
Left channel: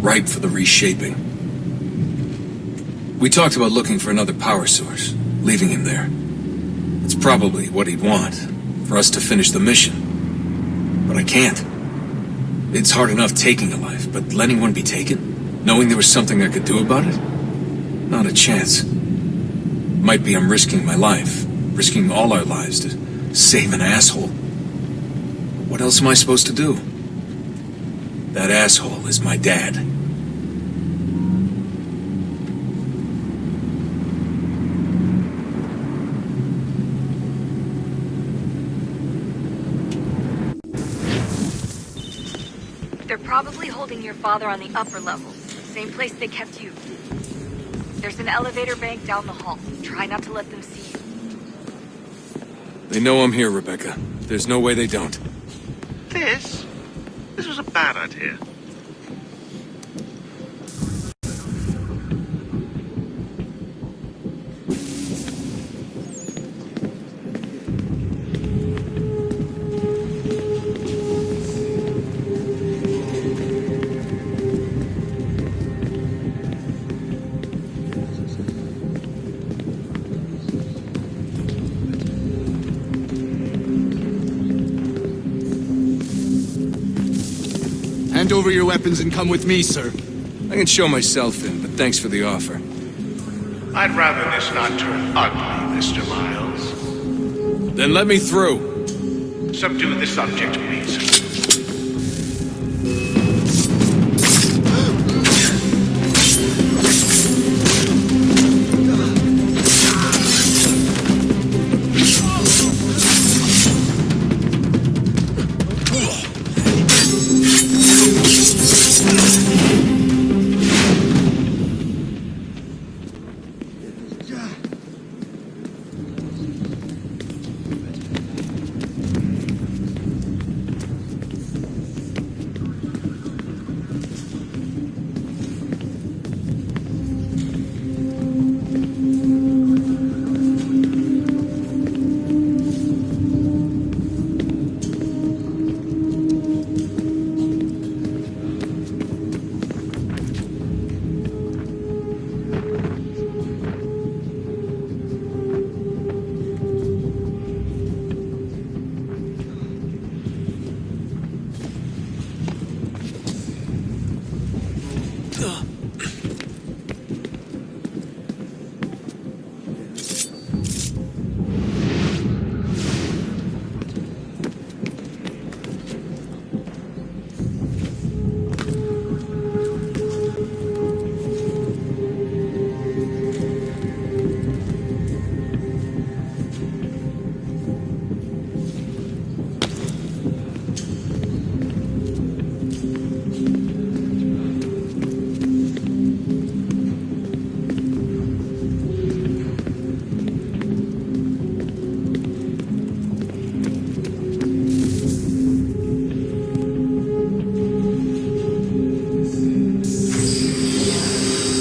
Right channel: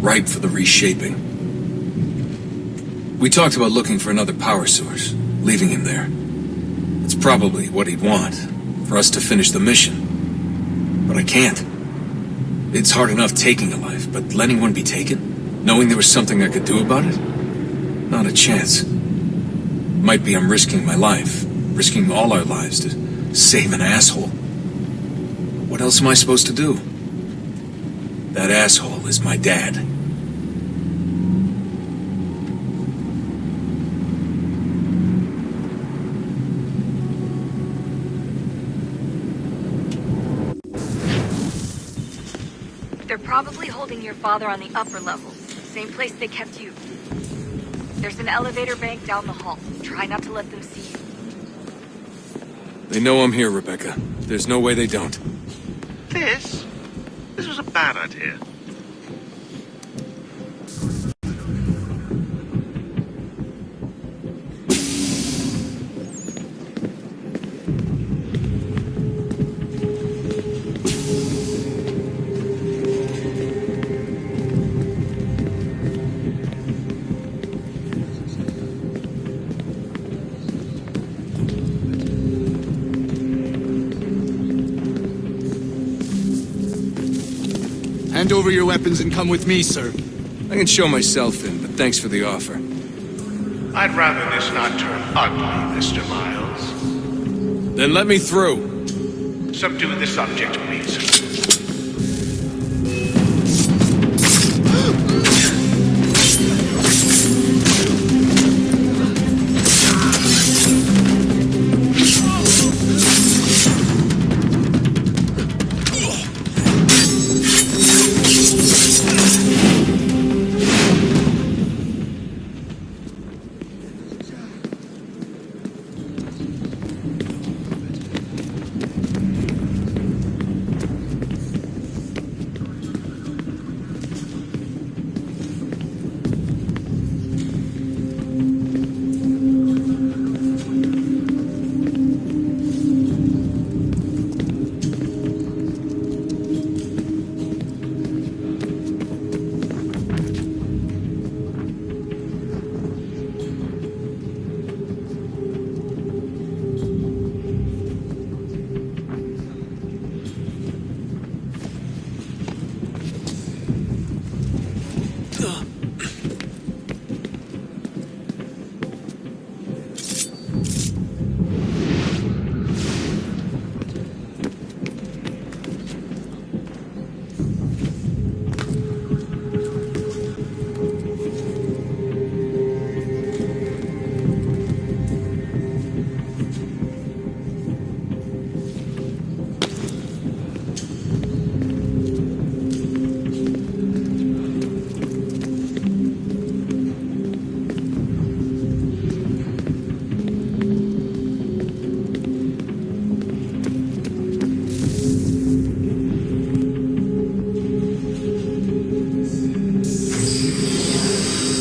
ripe for the reshaping. We talked about looking for another power source, leaving him there. It's probably what he'd want, for us to finish the mission. But I can't. It's hard enough taking a life, but letting one be taken? Knowing there was something I could do about it? Not a chance. Might be I'm risking my life, risking all our lives to save an asshole. What else am I supposed to do? That asshole is my dad. They're probably holding your father on the upper levels, same place they kept you. There's an elevator bank down the hall. Try not to let them see you. They know I'm here, Rebecca. There's no way they don't. This was a bad idea. Hand over your weapons and come with me, sir. I can show myself in, but thanks for the offer. I'd rather this not turn ugly, Mr. Miles. Then let me through. Subdue the subject, please.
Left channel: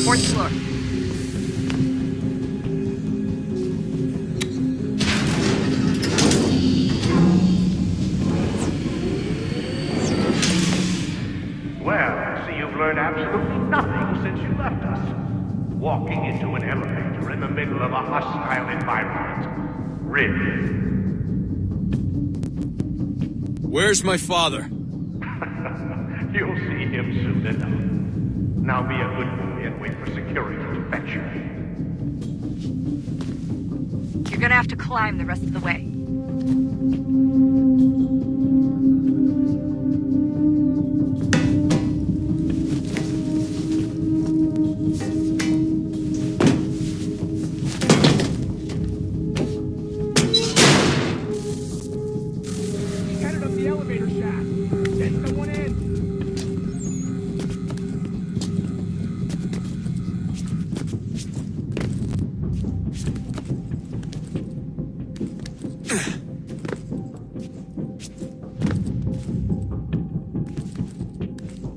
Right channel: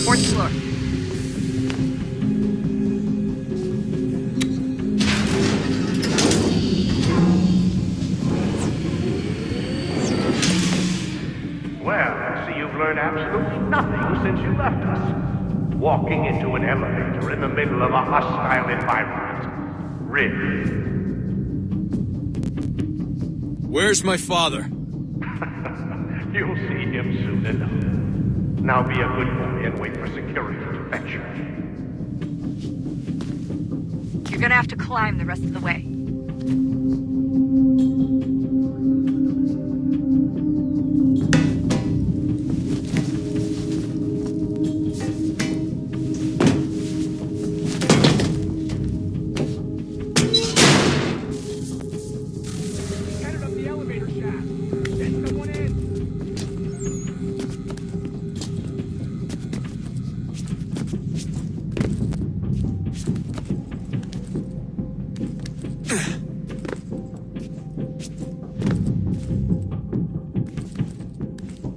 Fourth floor. Well, I see you've learned absolutely nothing since you left us. Walking into an elevator in the middle of a hostile environment. Really? Where's my father? You'll see him soon enough. Now be a good boy and wait for security to fetch you. You're gonna have to climb the rest of the way. Headed up the elevator shaft. Send someone in.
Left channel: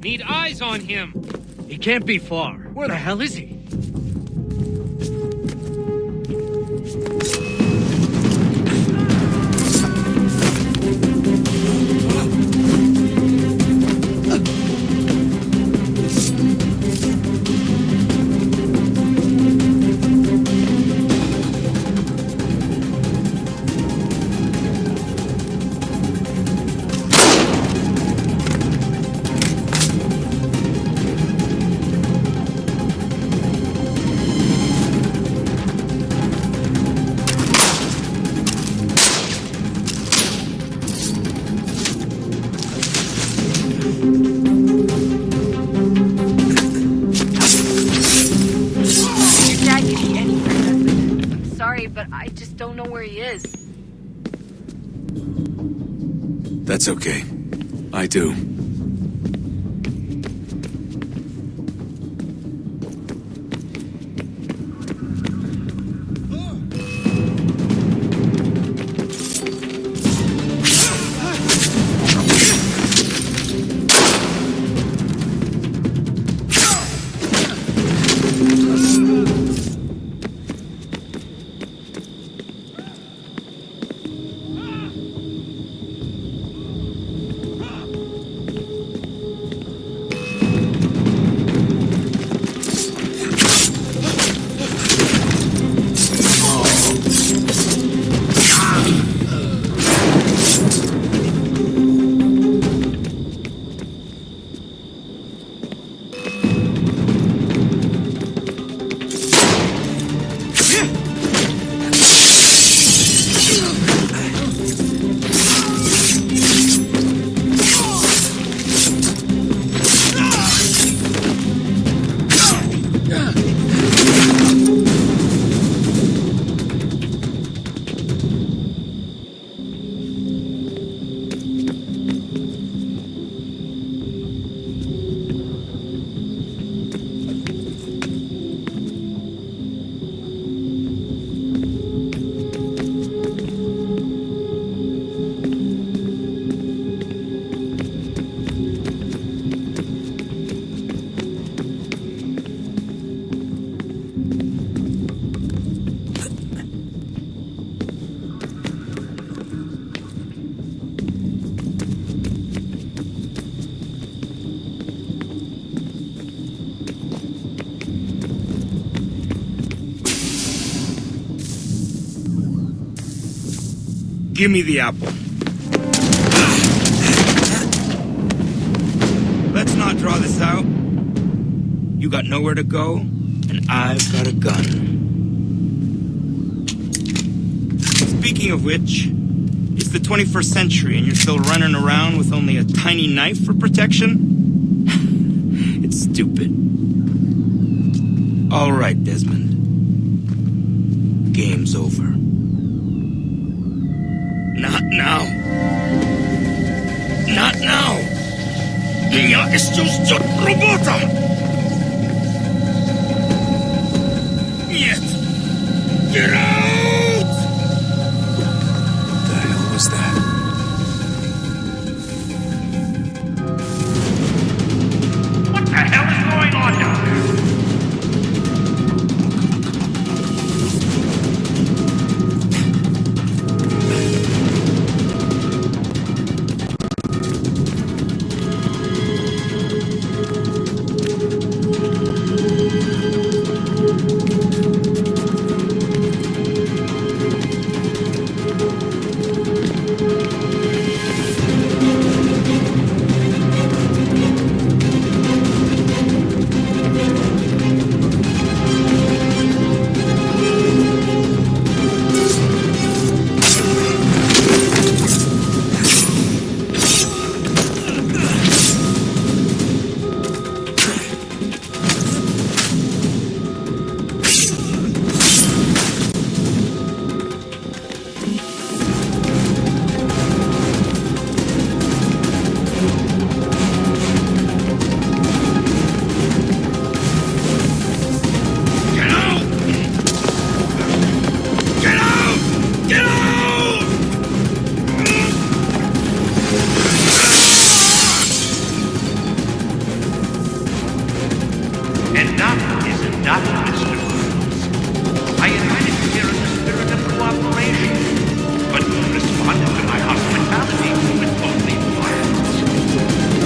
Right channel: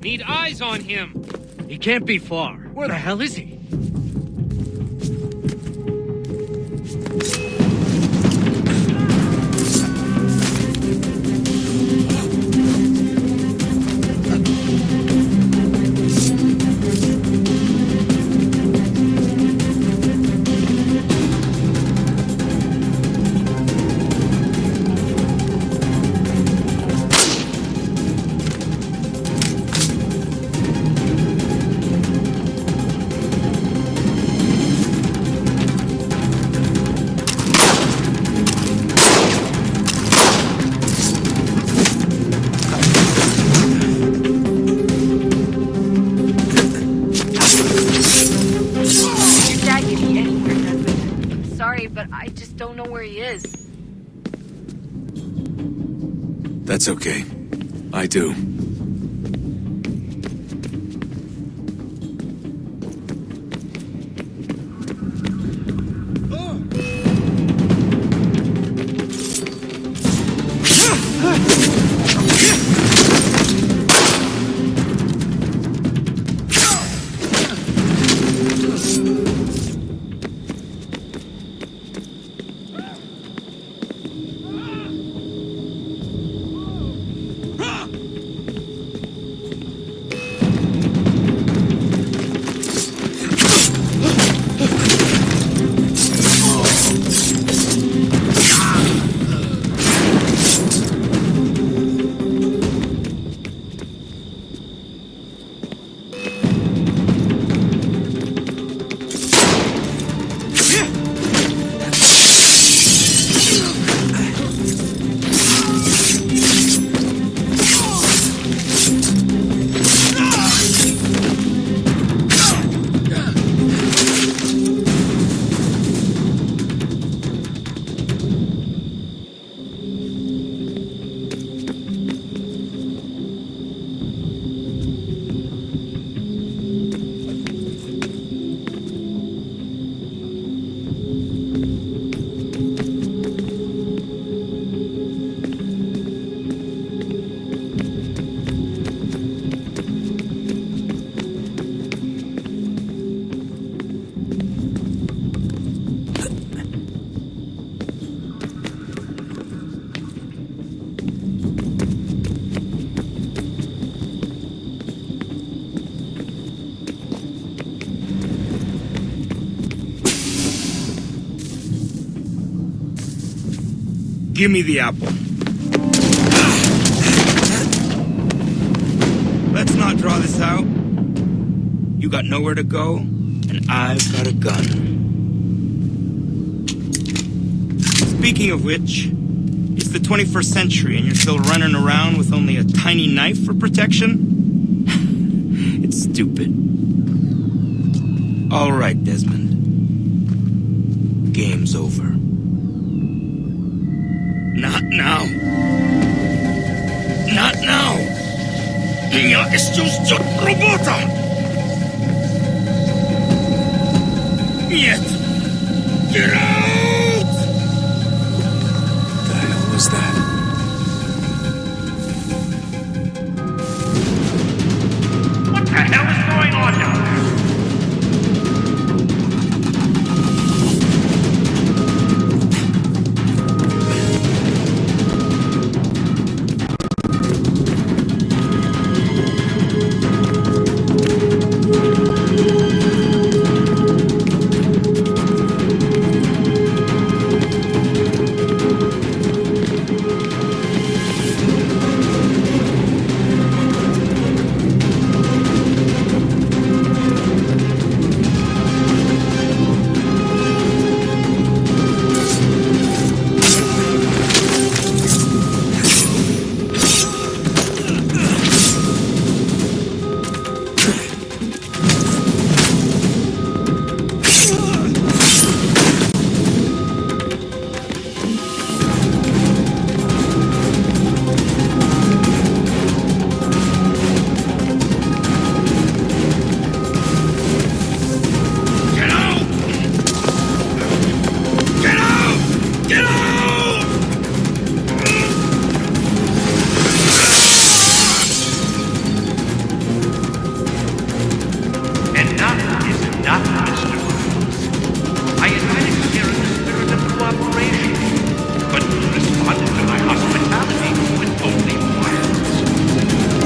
Need eyes on him. He can't be far. Where the hell is he? Dad could be anywhere, Desmond. Sorry, but I just don't know where he is. That's okay. I do. Give me the apple. Let's not draw this out. You got nowhere to go, and I've got a gun. Speaking of which, it's the 21st century and you're still running around with only a tiny knife for protection? It's stupid. All right, Desmond. Game's over. Not now. Not now. Я еще ждет работа. Нет. Get out! What the hell was that? What the hell is going on down there?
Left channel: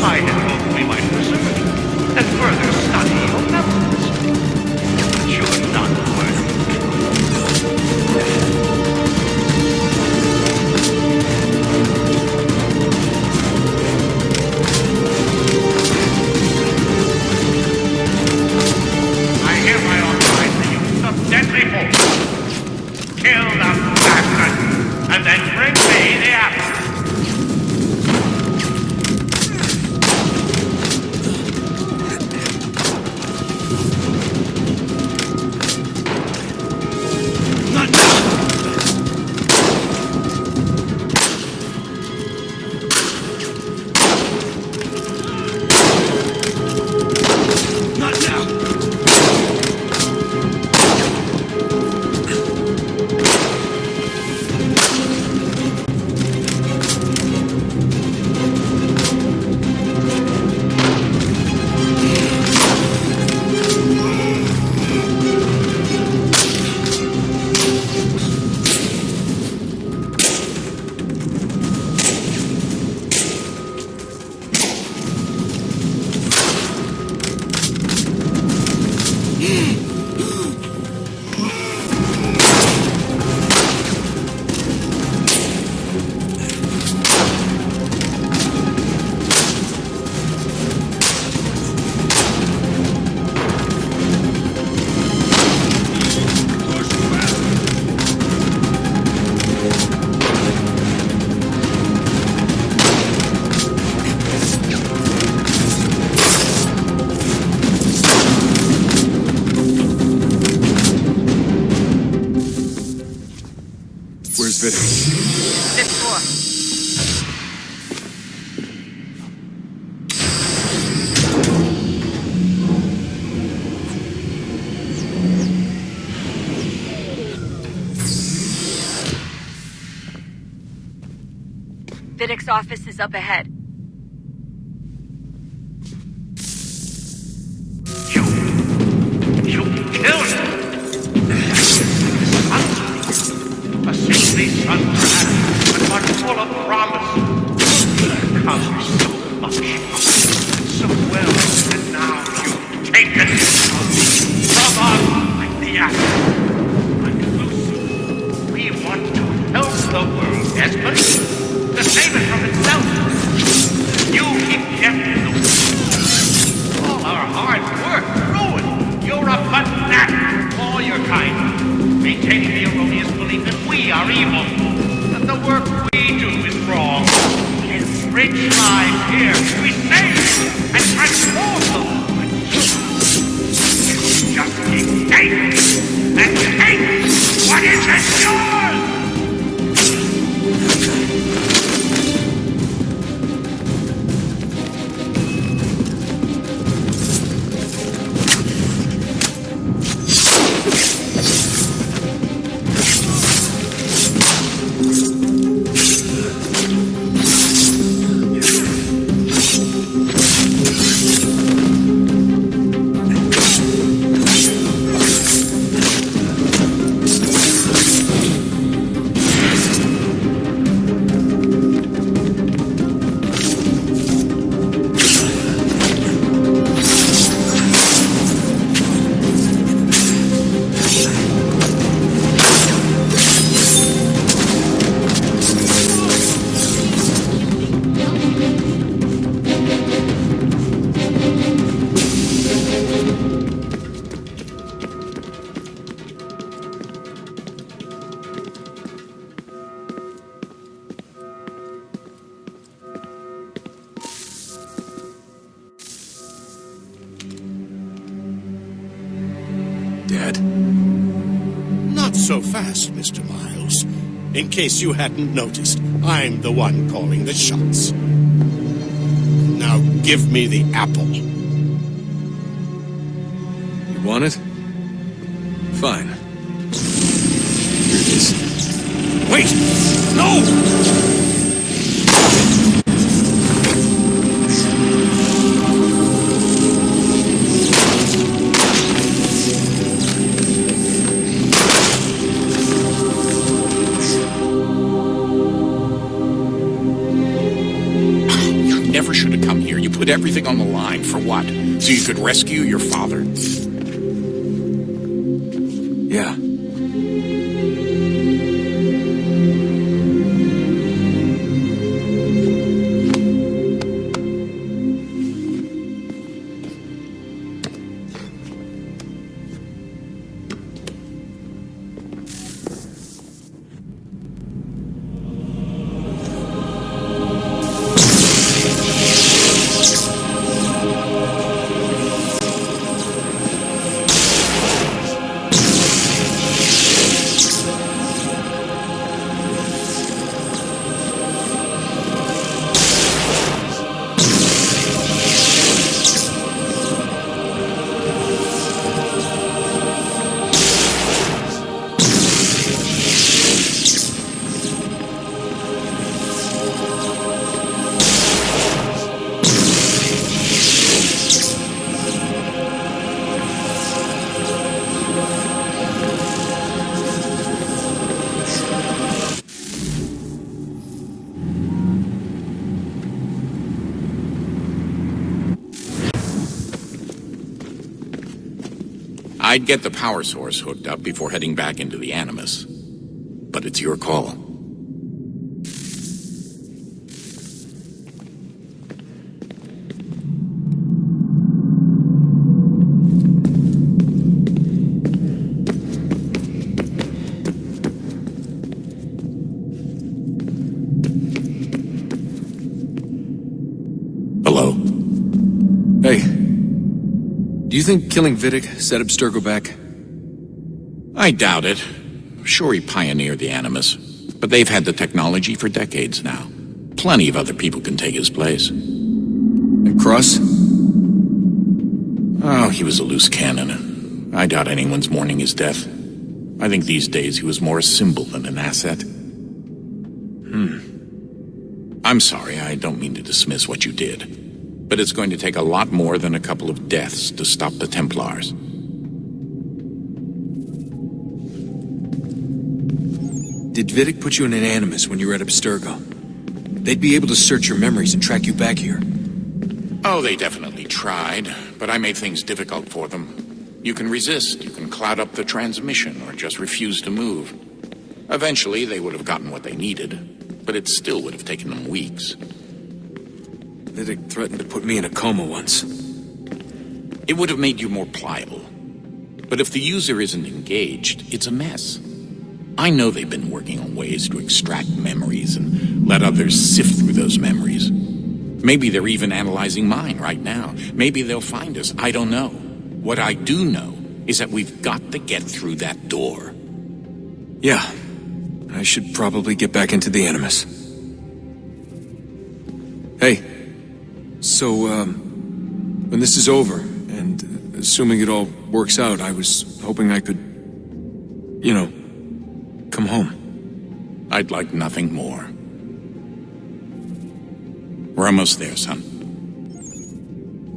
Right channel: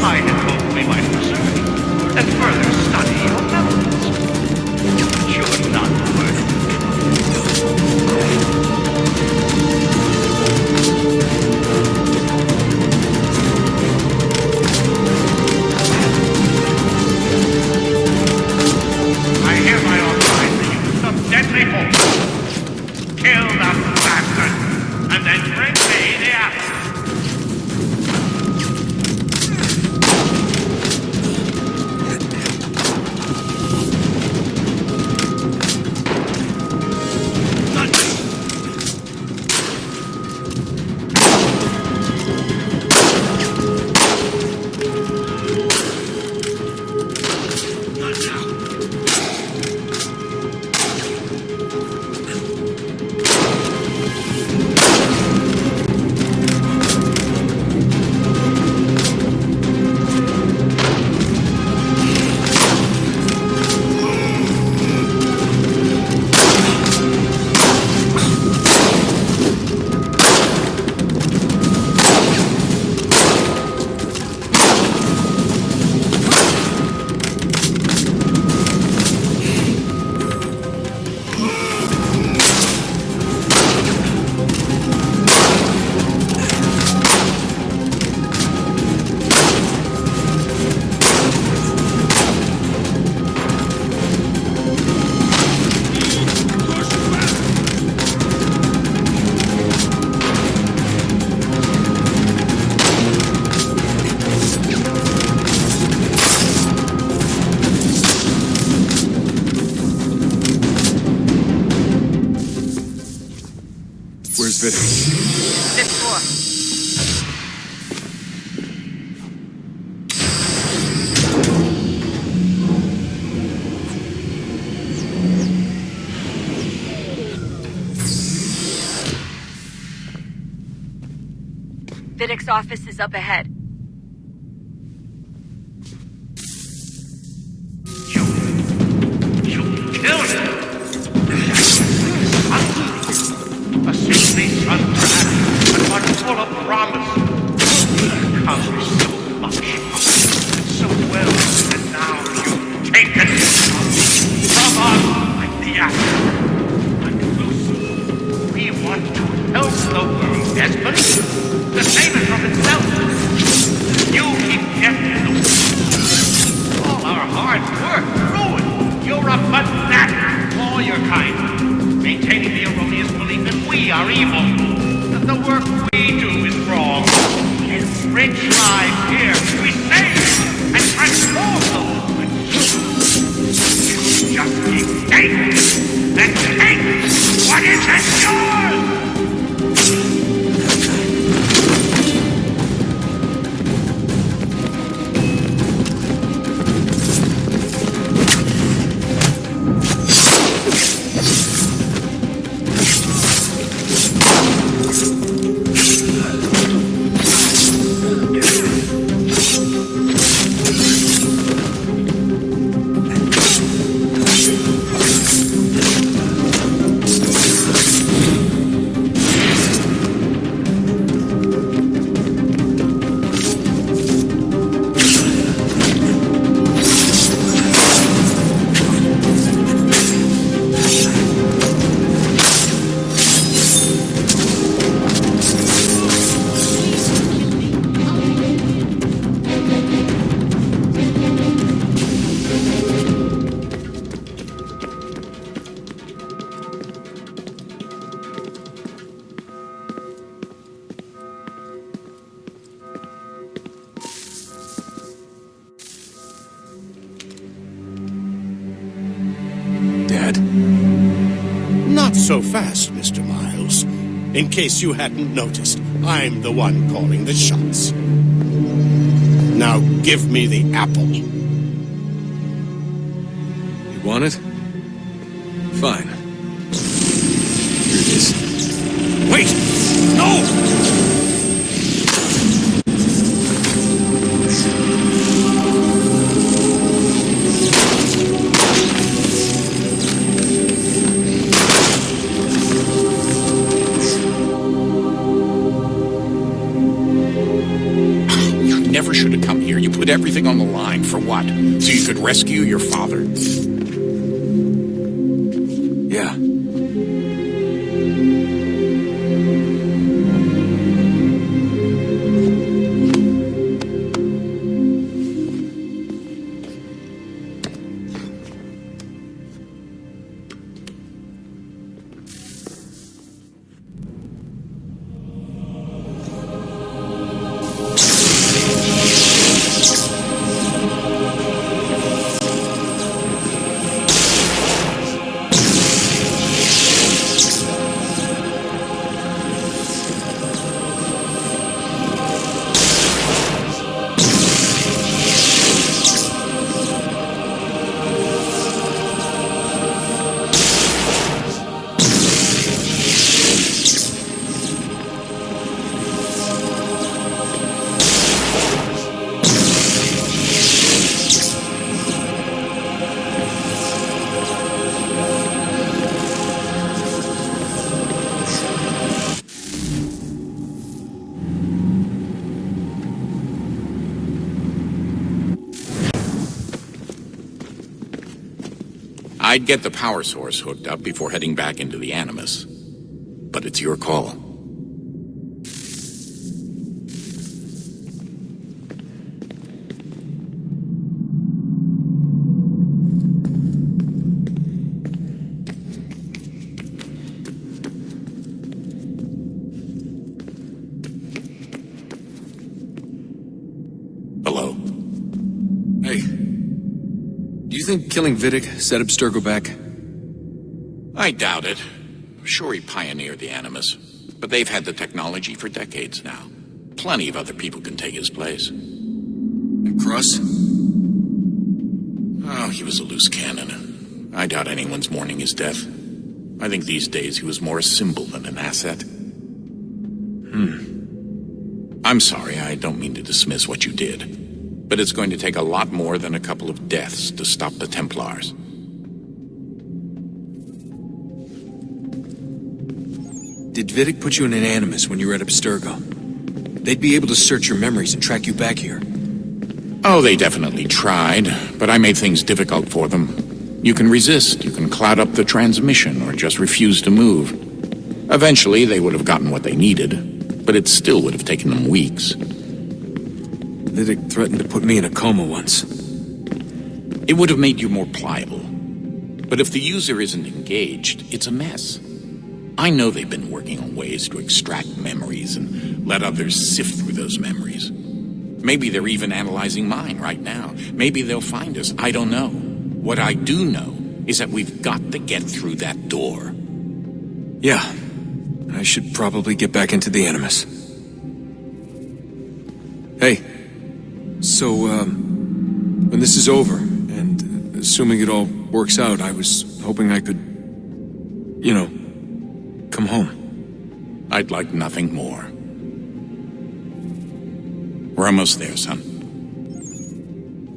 I had hoped we might preserve you and further study your memories. But you're not worthy. I hereby authorize the use of deadly force. Kill the bastard, and then bring me the apple. Where's Vidic? Fifth floor. Vidic's office is up ahead. You killed him! A saintly son, perhaps, but one full of promise. He accomplished so much, so well, and now you've taken it from us like the apple. But Lucy, we want to help the world, Desmond, to save it from itself. You keep getting in the way. All our hard work ruined. You're a fanatic, all your kind. Maintaining the erroneous belief that we are evil, that the work we do is wrong. Enrich lives here, we save and transform them. But you just keep taking and take what isn't yours! Dad? Not so fast, Mr. Miles. In case you hadn't noticed, I'm the one calling the shots. Now give me the apple. You want it? Fine. Here it is. Wait! No! never should have come here. You put everything on the line. For what? So you could rescue your father? Yeah. I'd get the power source hooked up before heading back into the Animus. But it's your call. Hello? Hey. Do you think killing Vidic set Abstergo back? I doubt it. Sure, he pioneered the Animus, but they've had the technology for decades now. Plenty of other people can take his place. And Cross? Oh, he was a loose cannon. I doubt anyone's mourning his death. I think these days he was more a symbol than an asset. I'm sorry, I don't mean to dismiss what you did. But it's going to take a lot more than a couple of deaths to stop the Templars. Did Vidic put you in an Animus when you were at Abstergo? They'd be able to search your memories and track you back here. Oh, they definitely tried, but I made things difficult for them. You can resist, you can cloud up the transmission, or just refuse to move. Eventually, they would have gotten what they needed, but it still would have taken them weeks. Vidic threatened to put me in a coma once. It would have made you more pliable. But if the user isn't engaged, it's a mess. I know they've been working on ways to extract memories and let others sift through those memories. Maybe they're even analyzing mine right now. Maybe they'll find us. I don't know. What I do know is that we've got to get through that door. Yeah. I should probably get back into the Animus. Hey. So, when this is over, and assuming it all works out, I was hoping I could, come home. I'd like nothing more. We're almost there, son.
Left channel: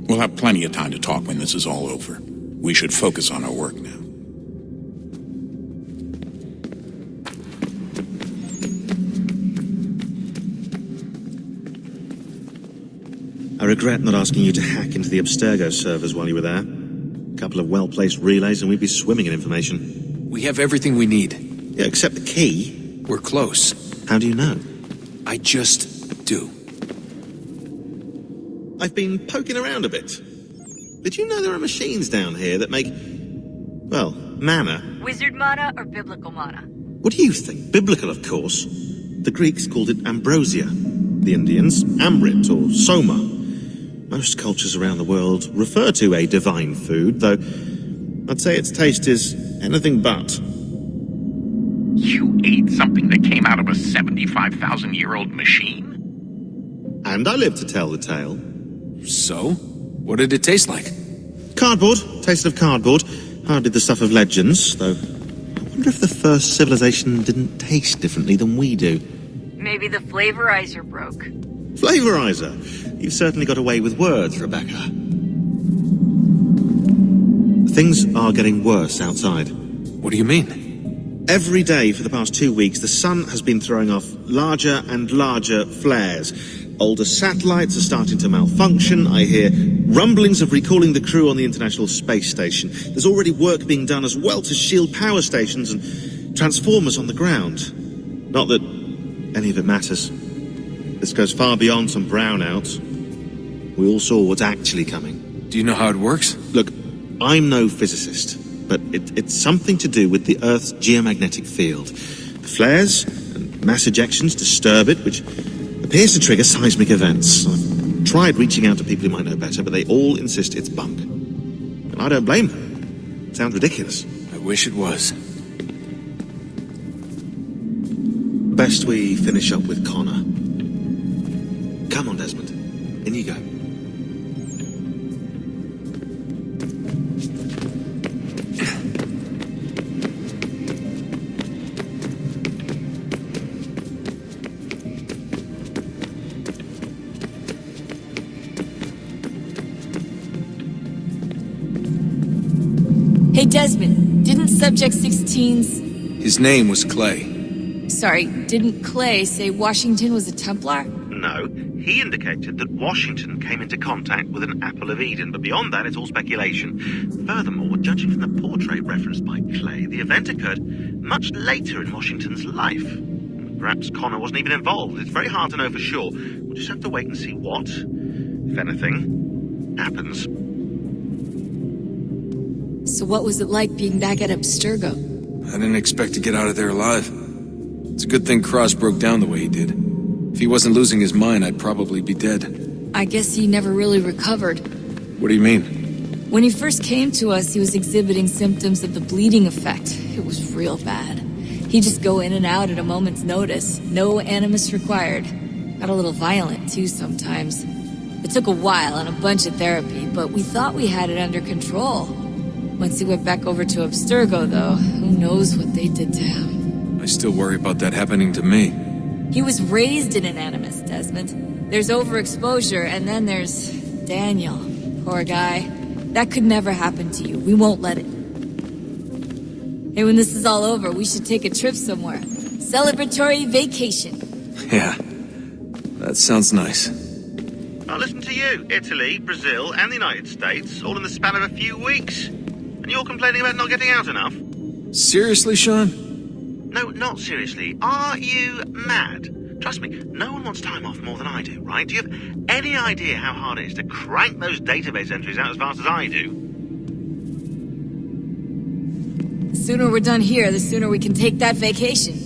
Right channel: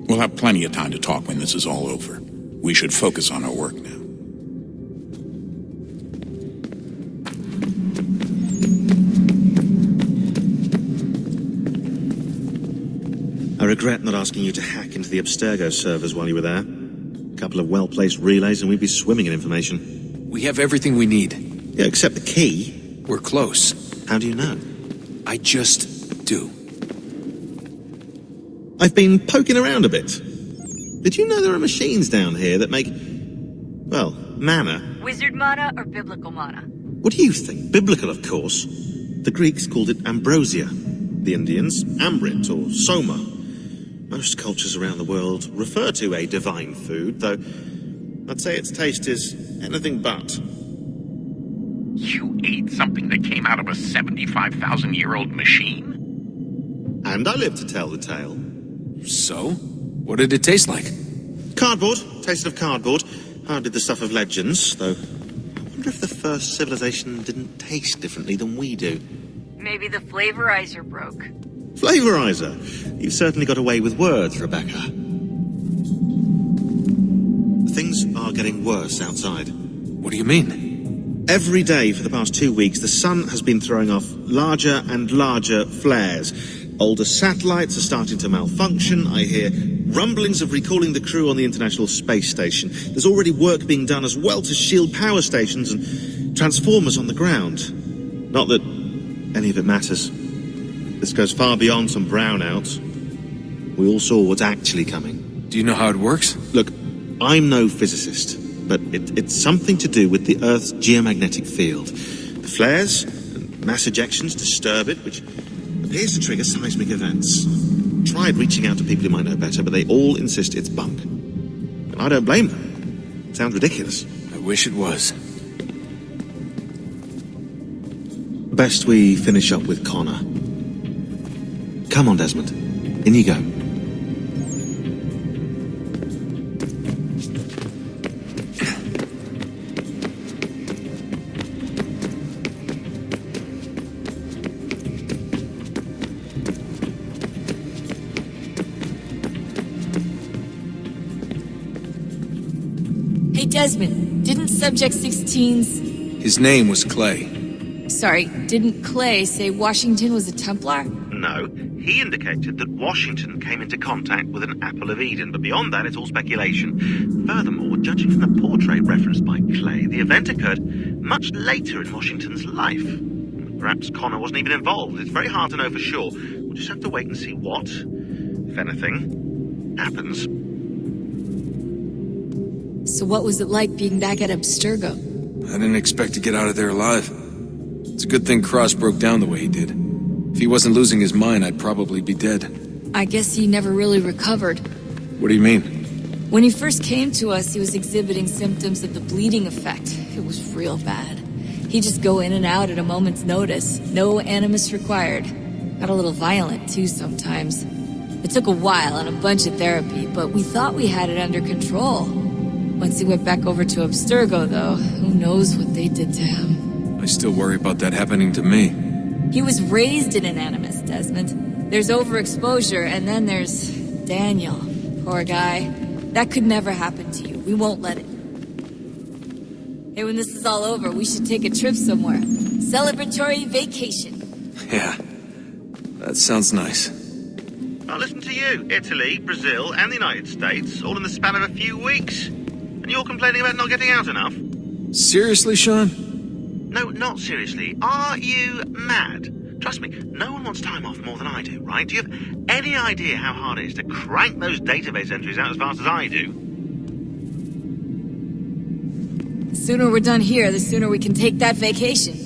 We'll have plenty of time to talk when this is all over. We should focus on our work now. I regret not asking you to hack into the Abstergo servers while you were there. A couple of well-placed relays and we'd be swimming in information. We have everything we need. Yeah, except the key. We're close. How do you know? I just do. I've been poking around a bit. Did you know there are machines down here that make, well, mana? Wizard mana or biblical mana? What do you think? Biblical, of course. The Greeks called it ambrosia. The Indians, amrit or soma. Most cultures around the world refer to a divine food, though I'd say its taste is anything but. You ate something that came out of a 75,000-year-old machine? And I live to tell the tale. So? What did it taste like? Cardboard. Tasted of cardboard. Hardly the stuff of legends, though. I wonder if the first civilization didn't taste differently than we do. Maybe the flavorizer broke. Flavorizer? You've certainly got away with words, Rebecca. Things are getting worse outside. What do you mean? Every day for the past 2 weeks, the sun has been throwing off larger and larger flares. Older satellites are starting to malfunction. I hear rumblings of recalling the crew on the International Space Station. There's already work being done as well to shield power stations and transformers on the ground. Not that any of it matters. This goes far beyond some brownouts. We all saw what's actually coming. Do you know how it works? Look, I'm no physicist, but it's something to do with the Earth's geomagnetic field. The flares and mass ejections disturb it, which appears to trigger seismic events. I've tried reaching out to people who might know better, but they all insist it's bunk. And I don't blame them. It sounds ridiculous. I wish it was. Best we finish up with Connor. Come on, Desmond. In you go. Hey, Desmond, didn't Subject 16's... His name was Clay. Sorry, didn't Clay say Washington was a Templar? No, he indicated that Washington came into contact with an Apple of Eden, but beyond that, it's all speculation. Furthermore, judging from the portrait referenced by Clay, the event occurred much later in Washington's life. Perhaps Connor wasn't even involved. It's very hard to know for sure. We'll just have to wait and see what, if anything, happens. So what was it like being back at Abstergo? I didn't expect to get out of there alive. It's a good thing Cross broke down the way he did. If he wasn't losing his mind, I'd probably be dead. I guess he never really recovered. What do you mean? When he first came to us, he was exhibiting symptoms of the bleeding effect. It was real bad. He'd just go in and out at a moment's notice. No animus required. Got a little violent, too, sometimes. It took a while and a bunch of therapy, but we thought we had it under control. Once he went back over to Abstergo, though, who knows what they did to him. I still worry about that happening to me. He was raised in an Animus, Desmond. There's overexposure, and then there's Daniel. Poor guy. That could never happen to you. We won't let it. Hey, when this is all over, we should take a trip somewhere. Celebratory vacation. Yeah, that sounds nice. Now listen to you. Italy, Brazil, and the United States, all in the span of a few weeks. And you're complaining about not getting out enough? Seriously, Sean? No, not seriously. Are you mad? Trust me, no one wants time off more than I do, right? Do you have any idea how hard it is to crank those database entries out as fast as I do? The sooner we're done here, the sooner we can take that vacation.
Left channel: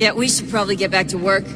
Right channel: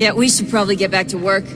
Yeah, we should probably get back to work.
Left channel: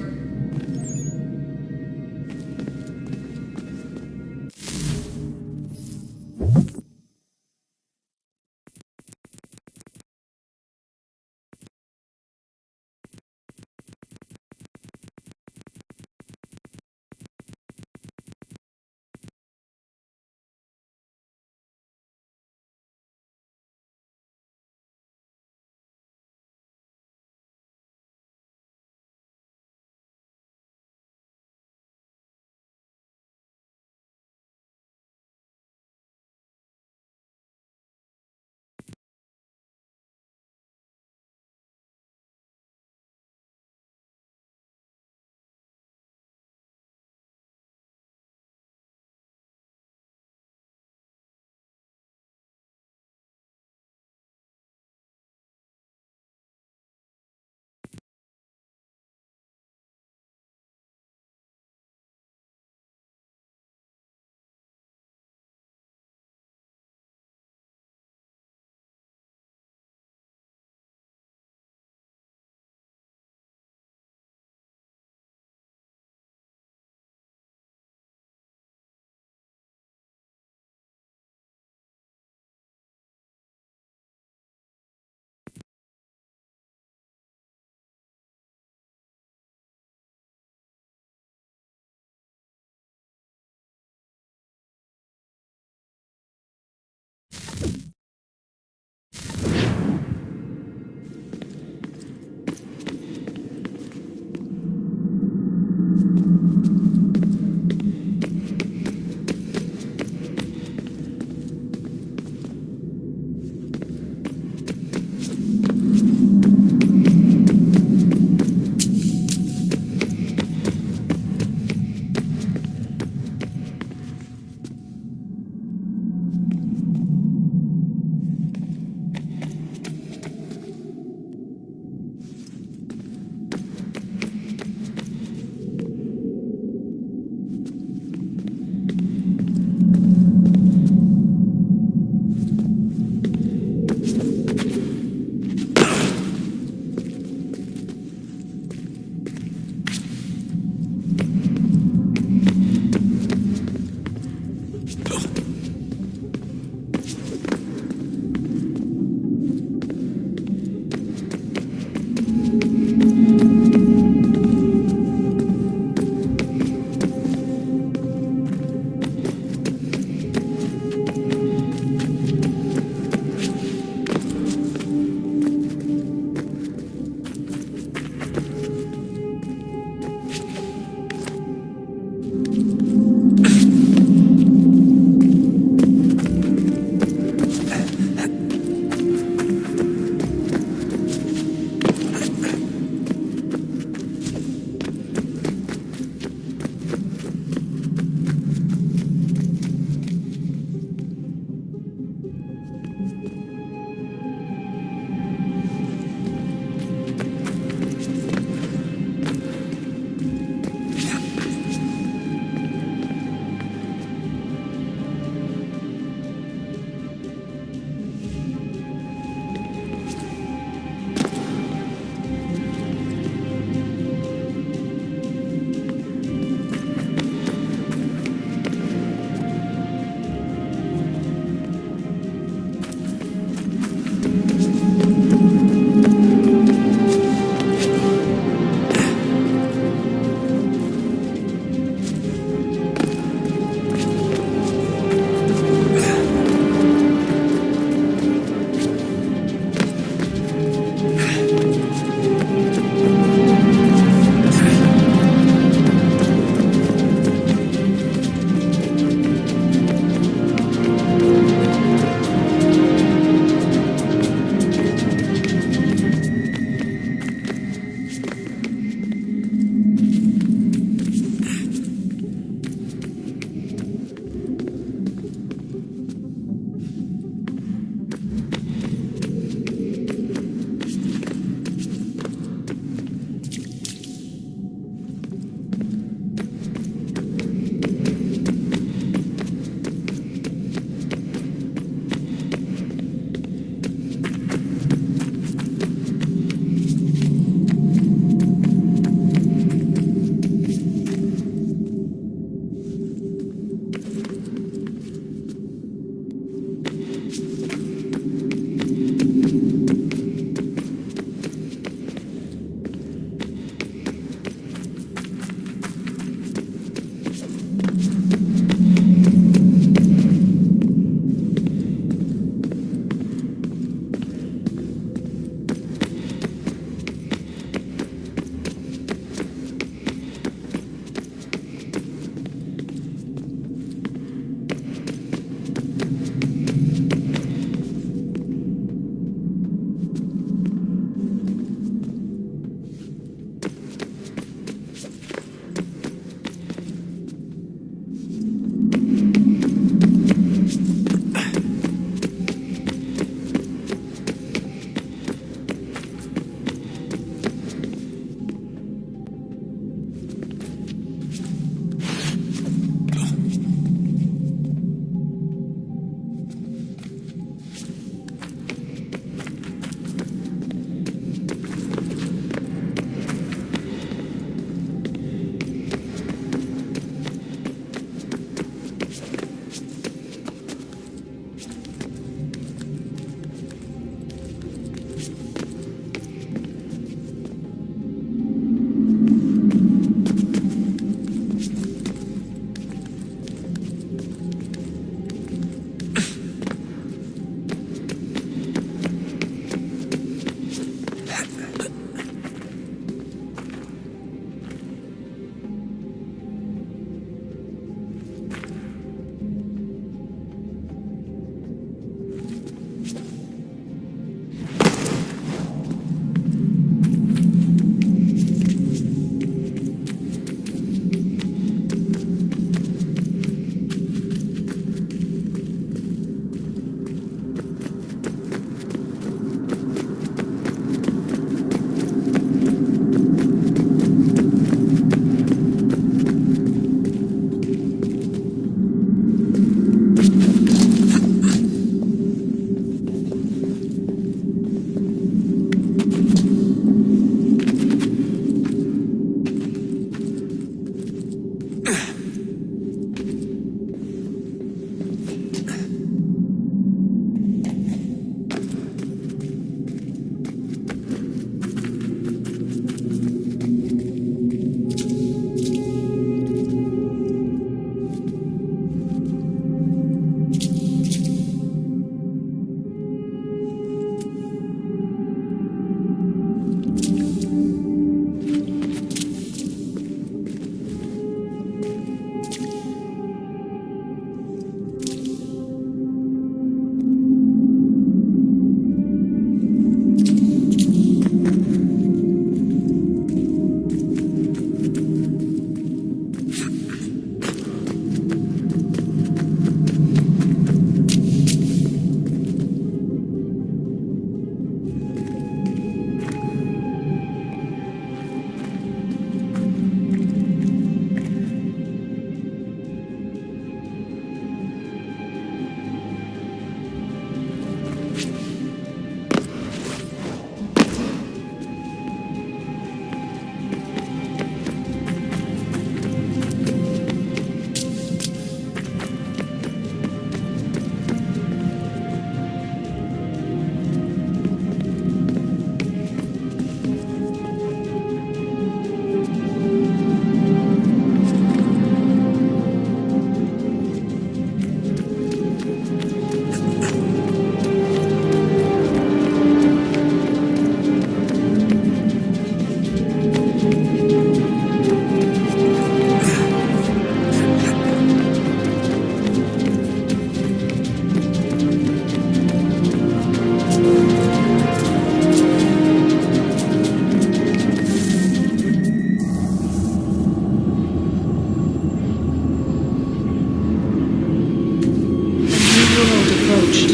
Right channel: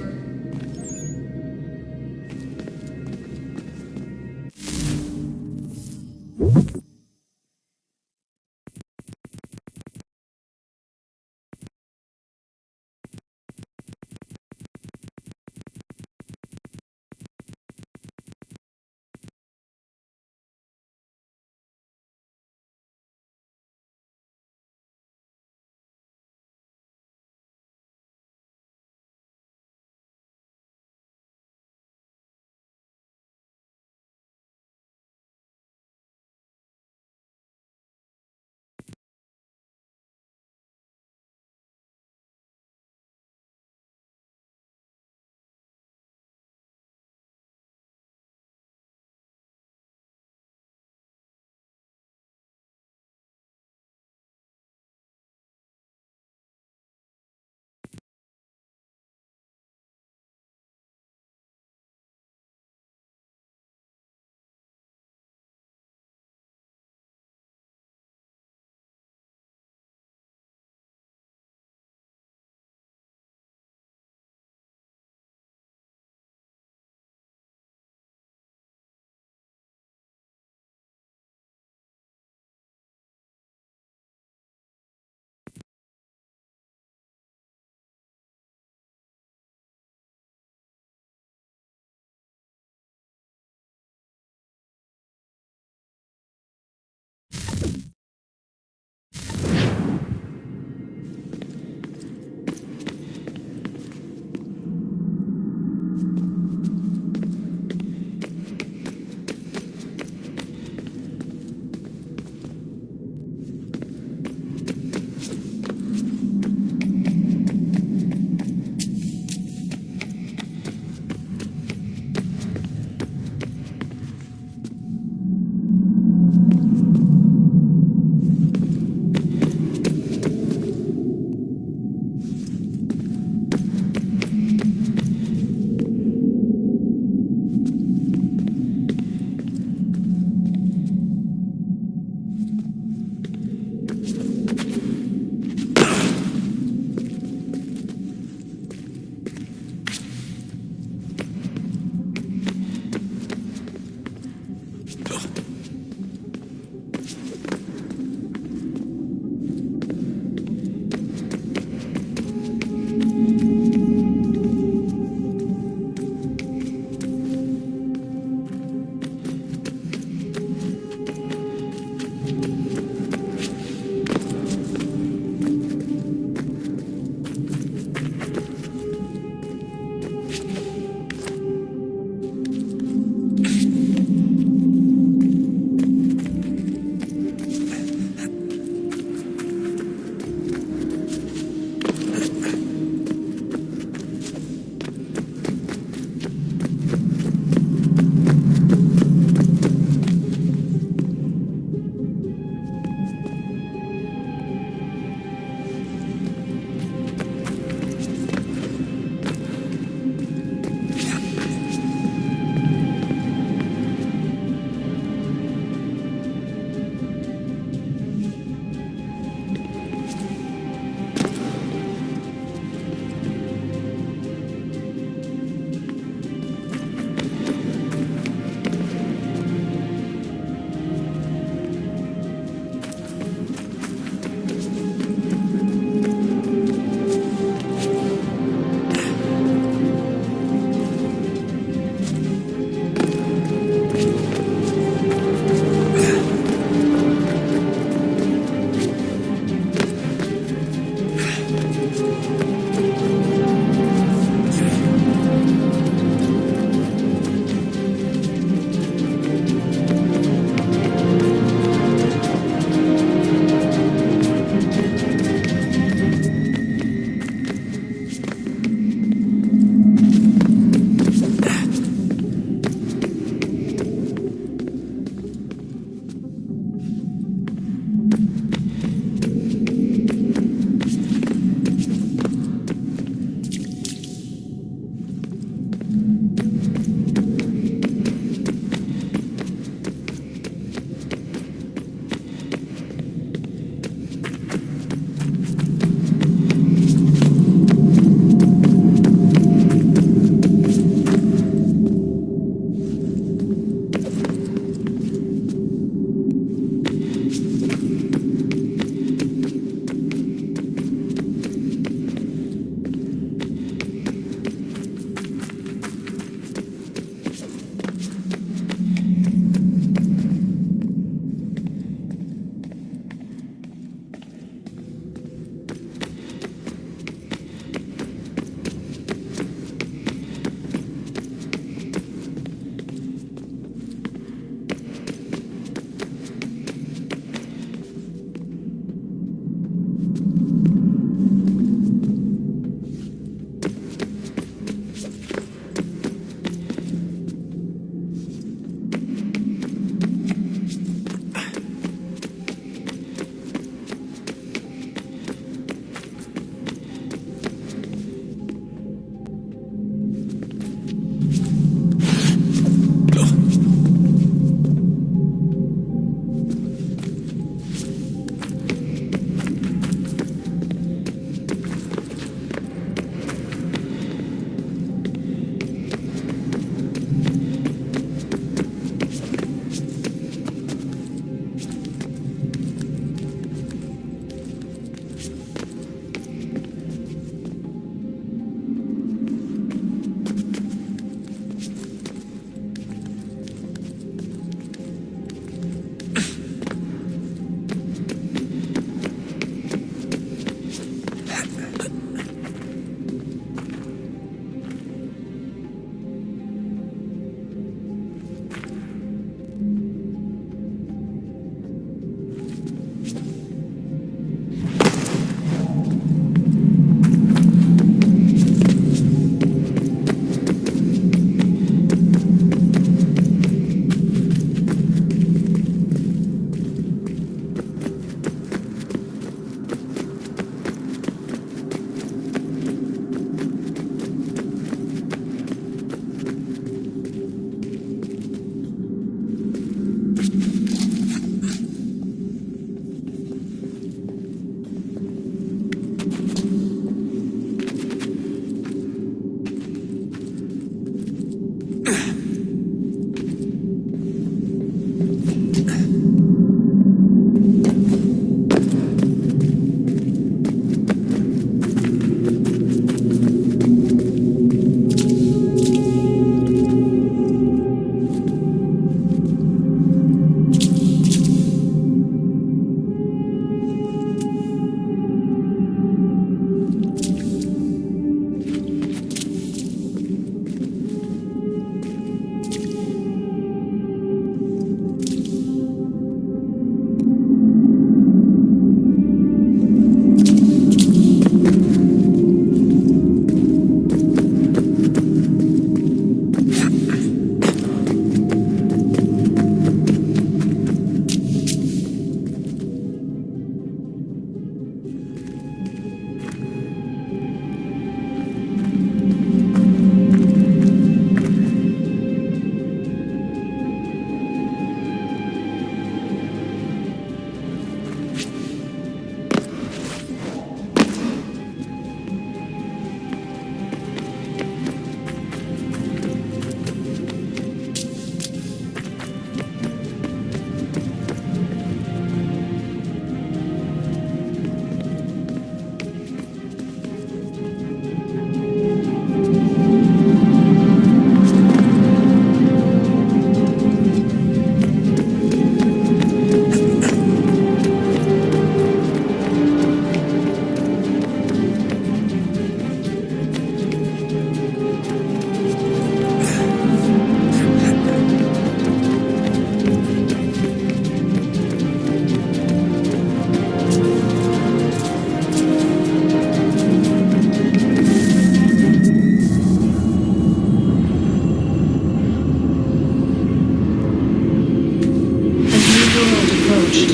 world approached,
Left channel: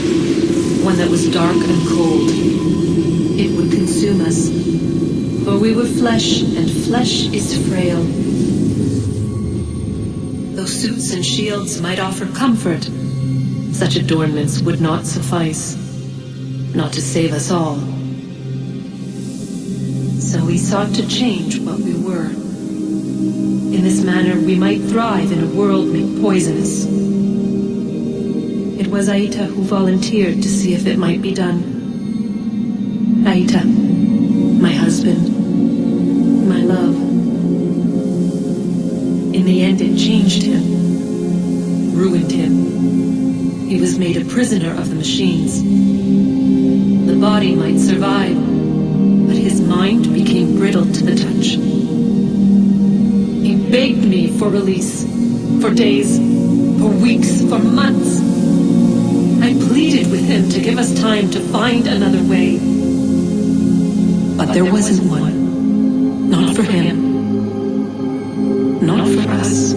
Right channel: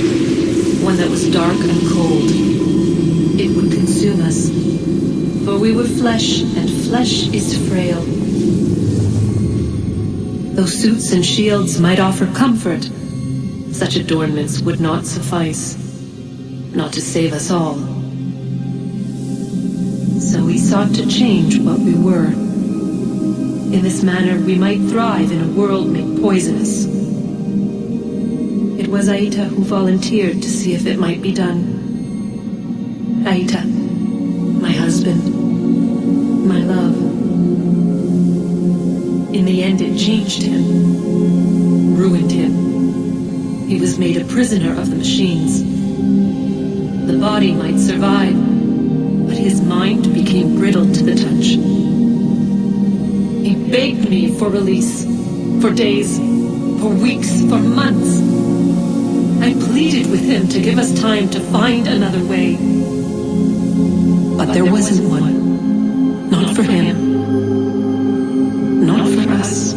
one that was dark and cold. It would consume us, for we were flesh, and flesh is frail. Though suits and shields might offer comfort, such adornments would not suffice, not to save us all. So we sought to change what we were. In this manner, we might thrive in a world made poisonous. It was Aita who volunteered to see if it might be done. Aita, my husband, my love. In the end, it changed him, ruined him. He was made a prisoner of the machines. The body might survive, but his mind became brittle to the touch. He begged me for release, for days, for weeks, for months. I pleaded with him to give us time to find another way. But there wasn't one. Not for him. Not for us.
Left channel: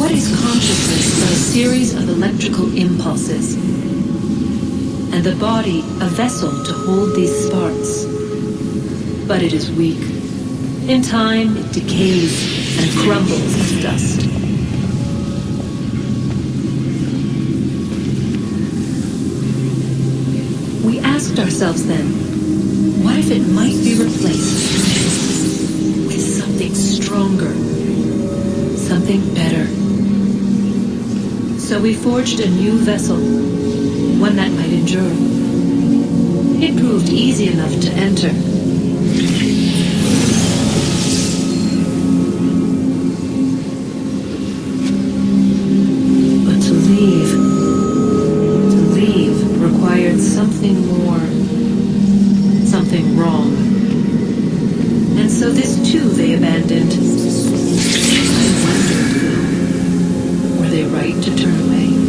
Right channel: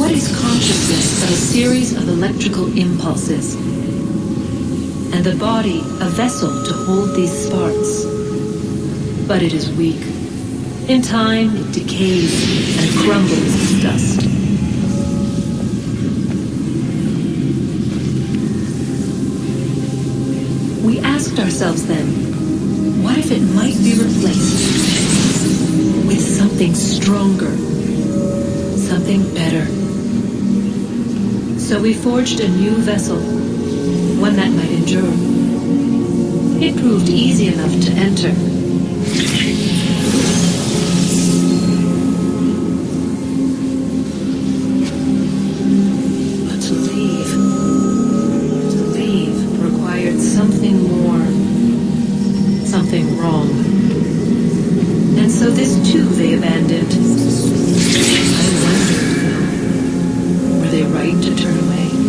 What is consciousness but a series of electrical impulses? And the body a vessel to hold these sparks. But it is weak. In time, it decays and crumbles to dust. We asked ourselves then, what if it might be replaced with something stronger, something better? So we forged a new vessel, one that might endure. It proved easy enough to enter. But to leave required something more, something wrong. And so this too they abandoned. I wondered, though, were they right to turn away?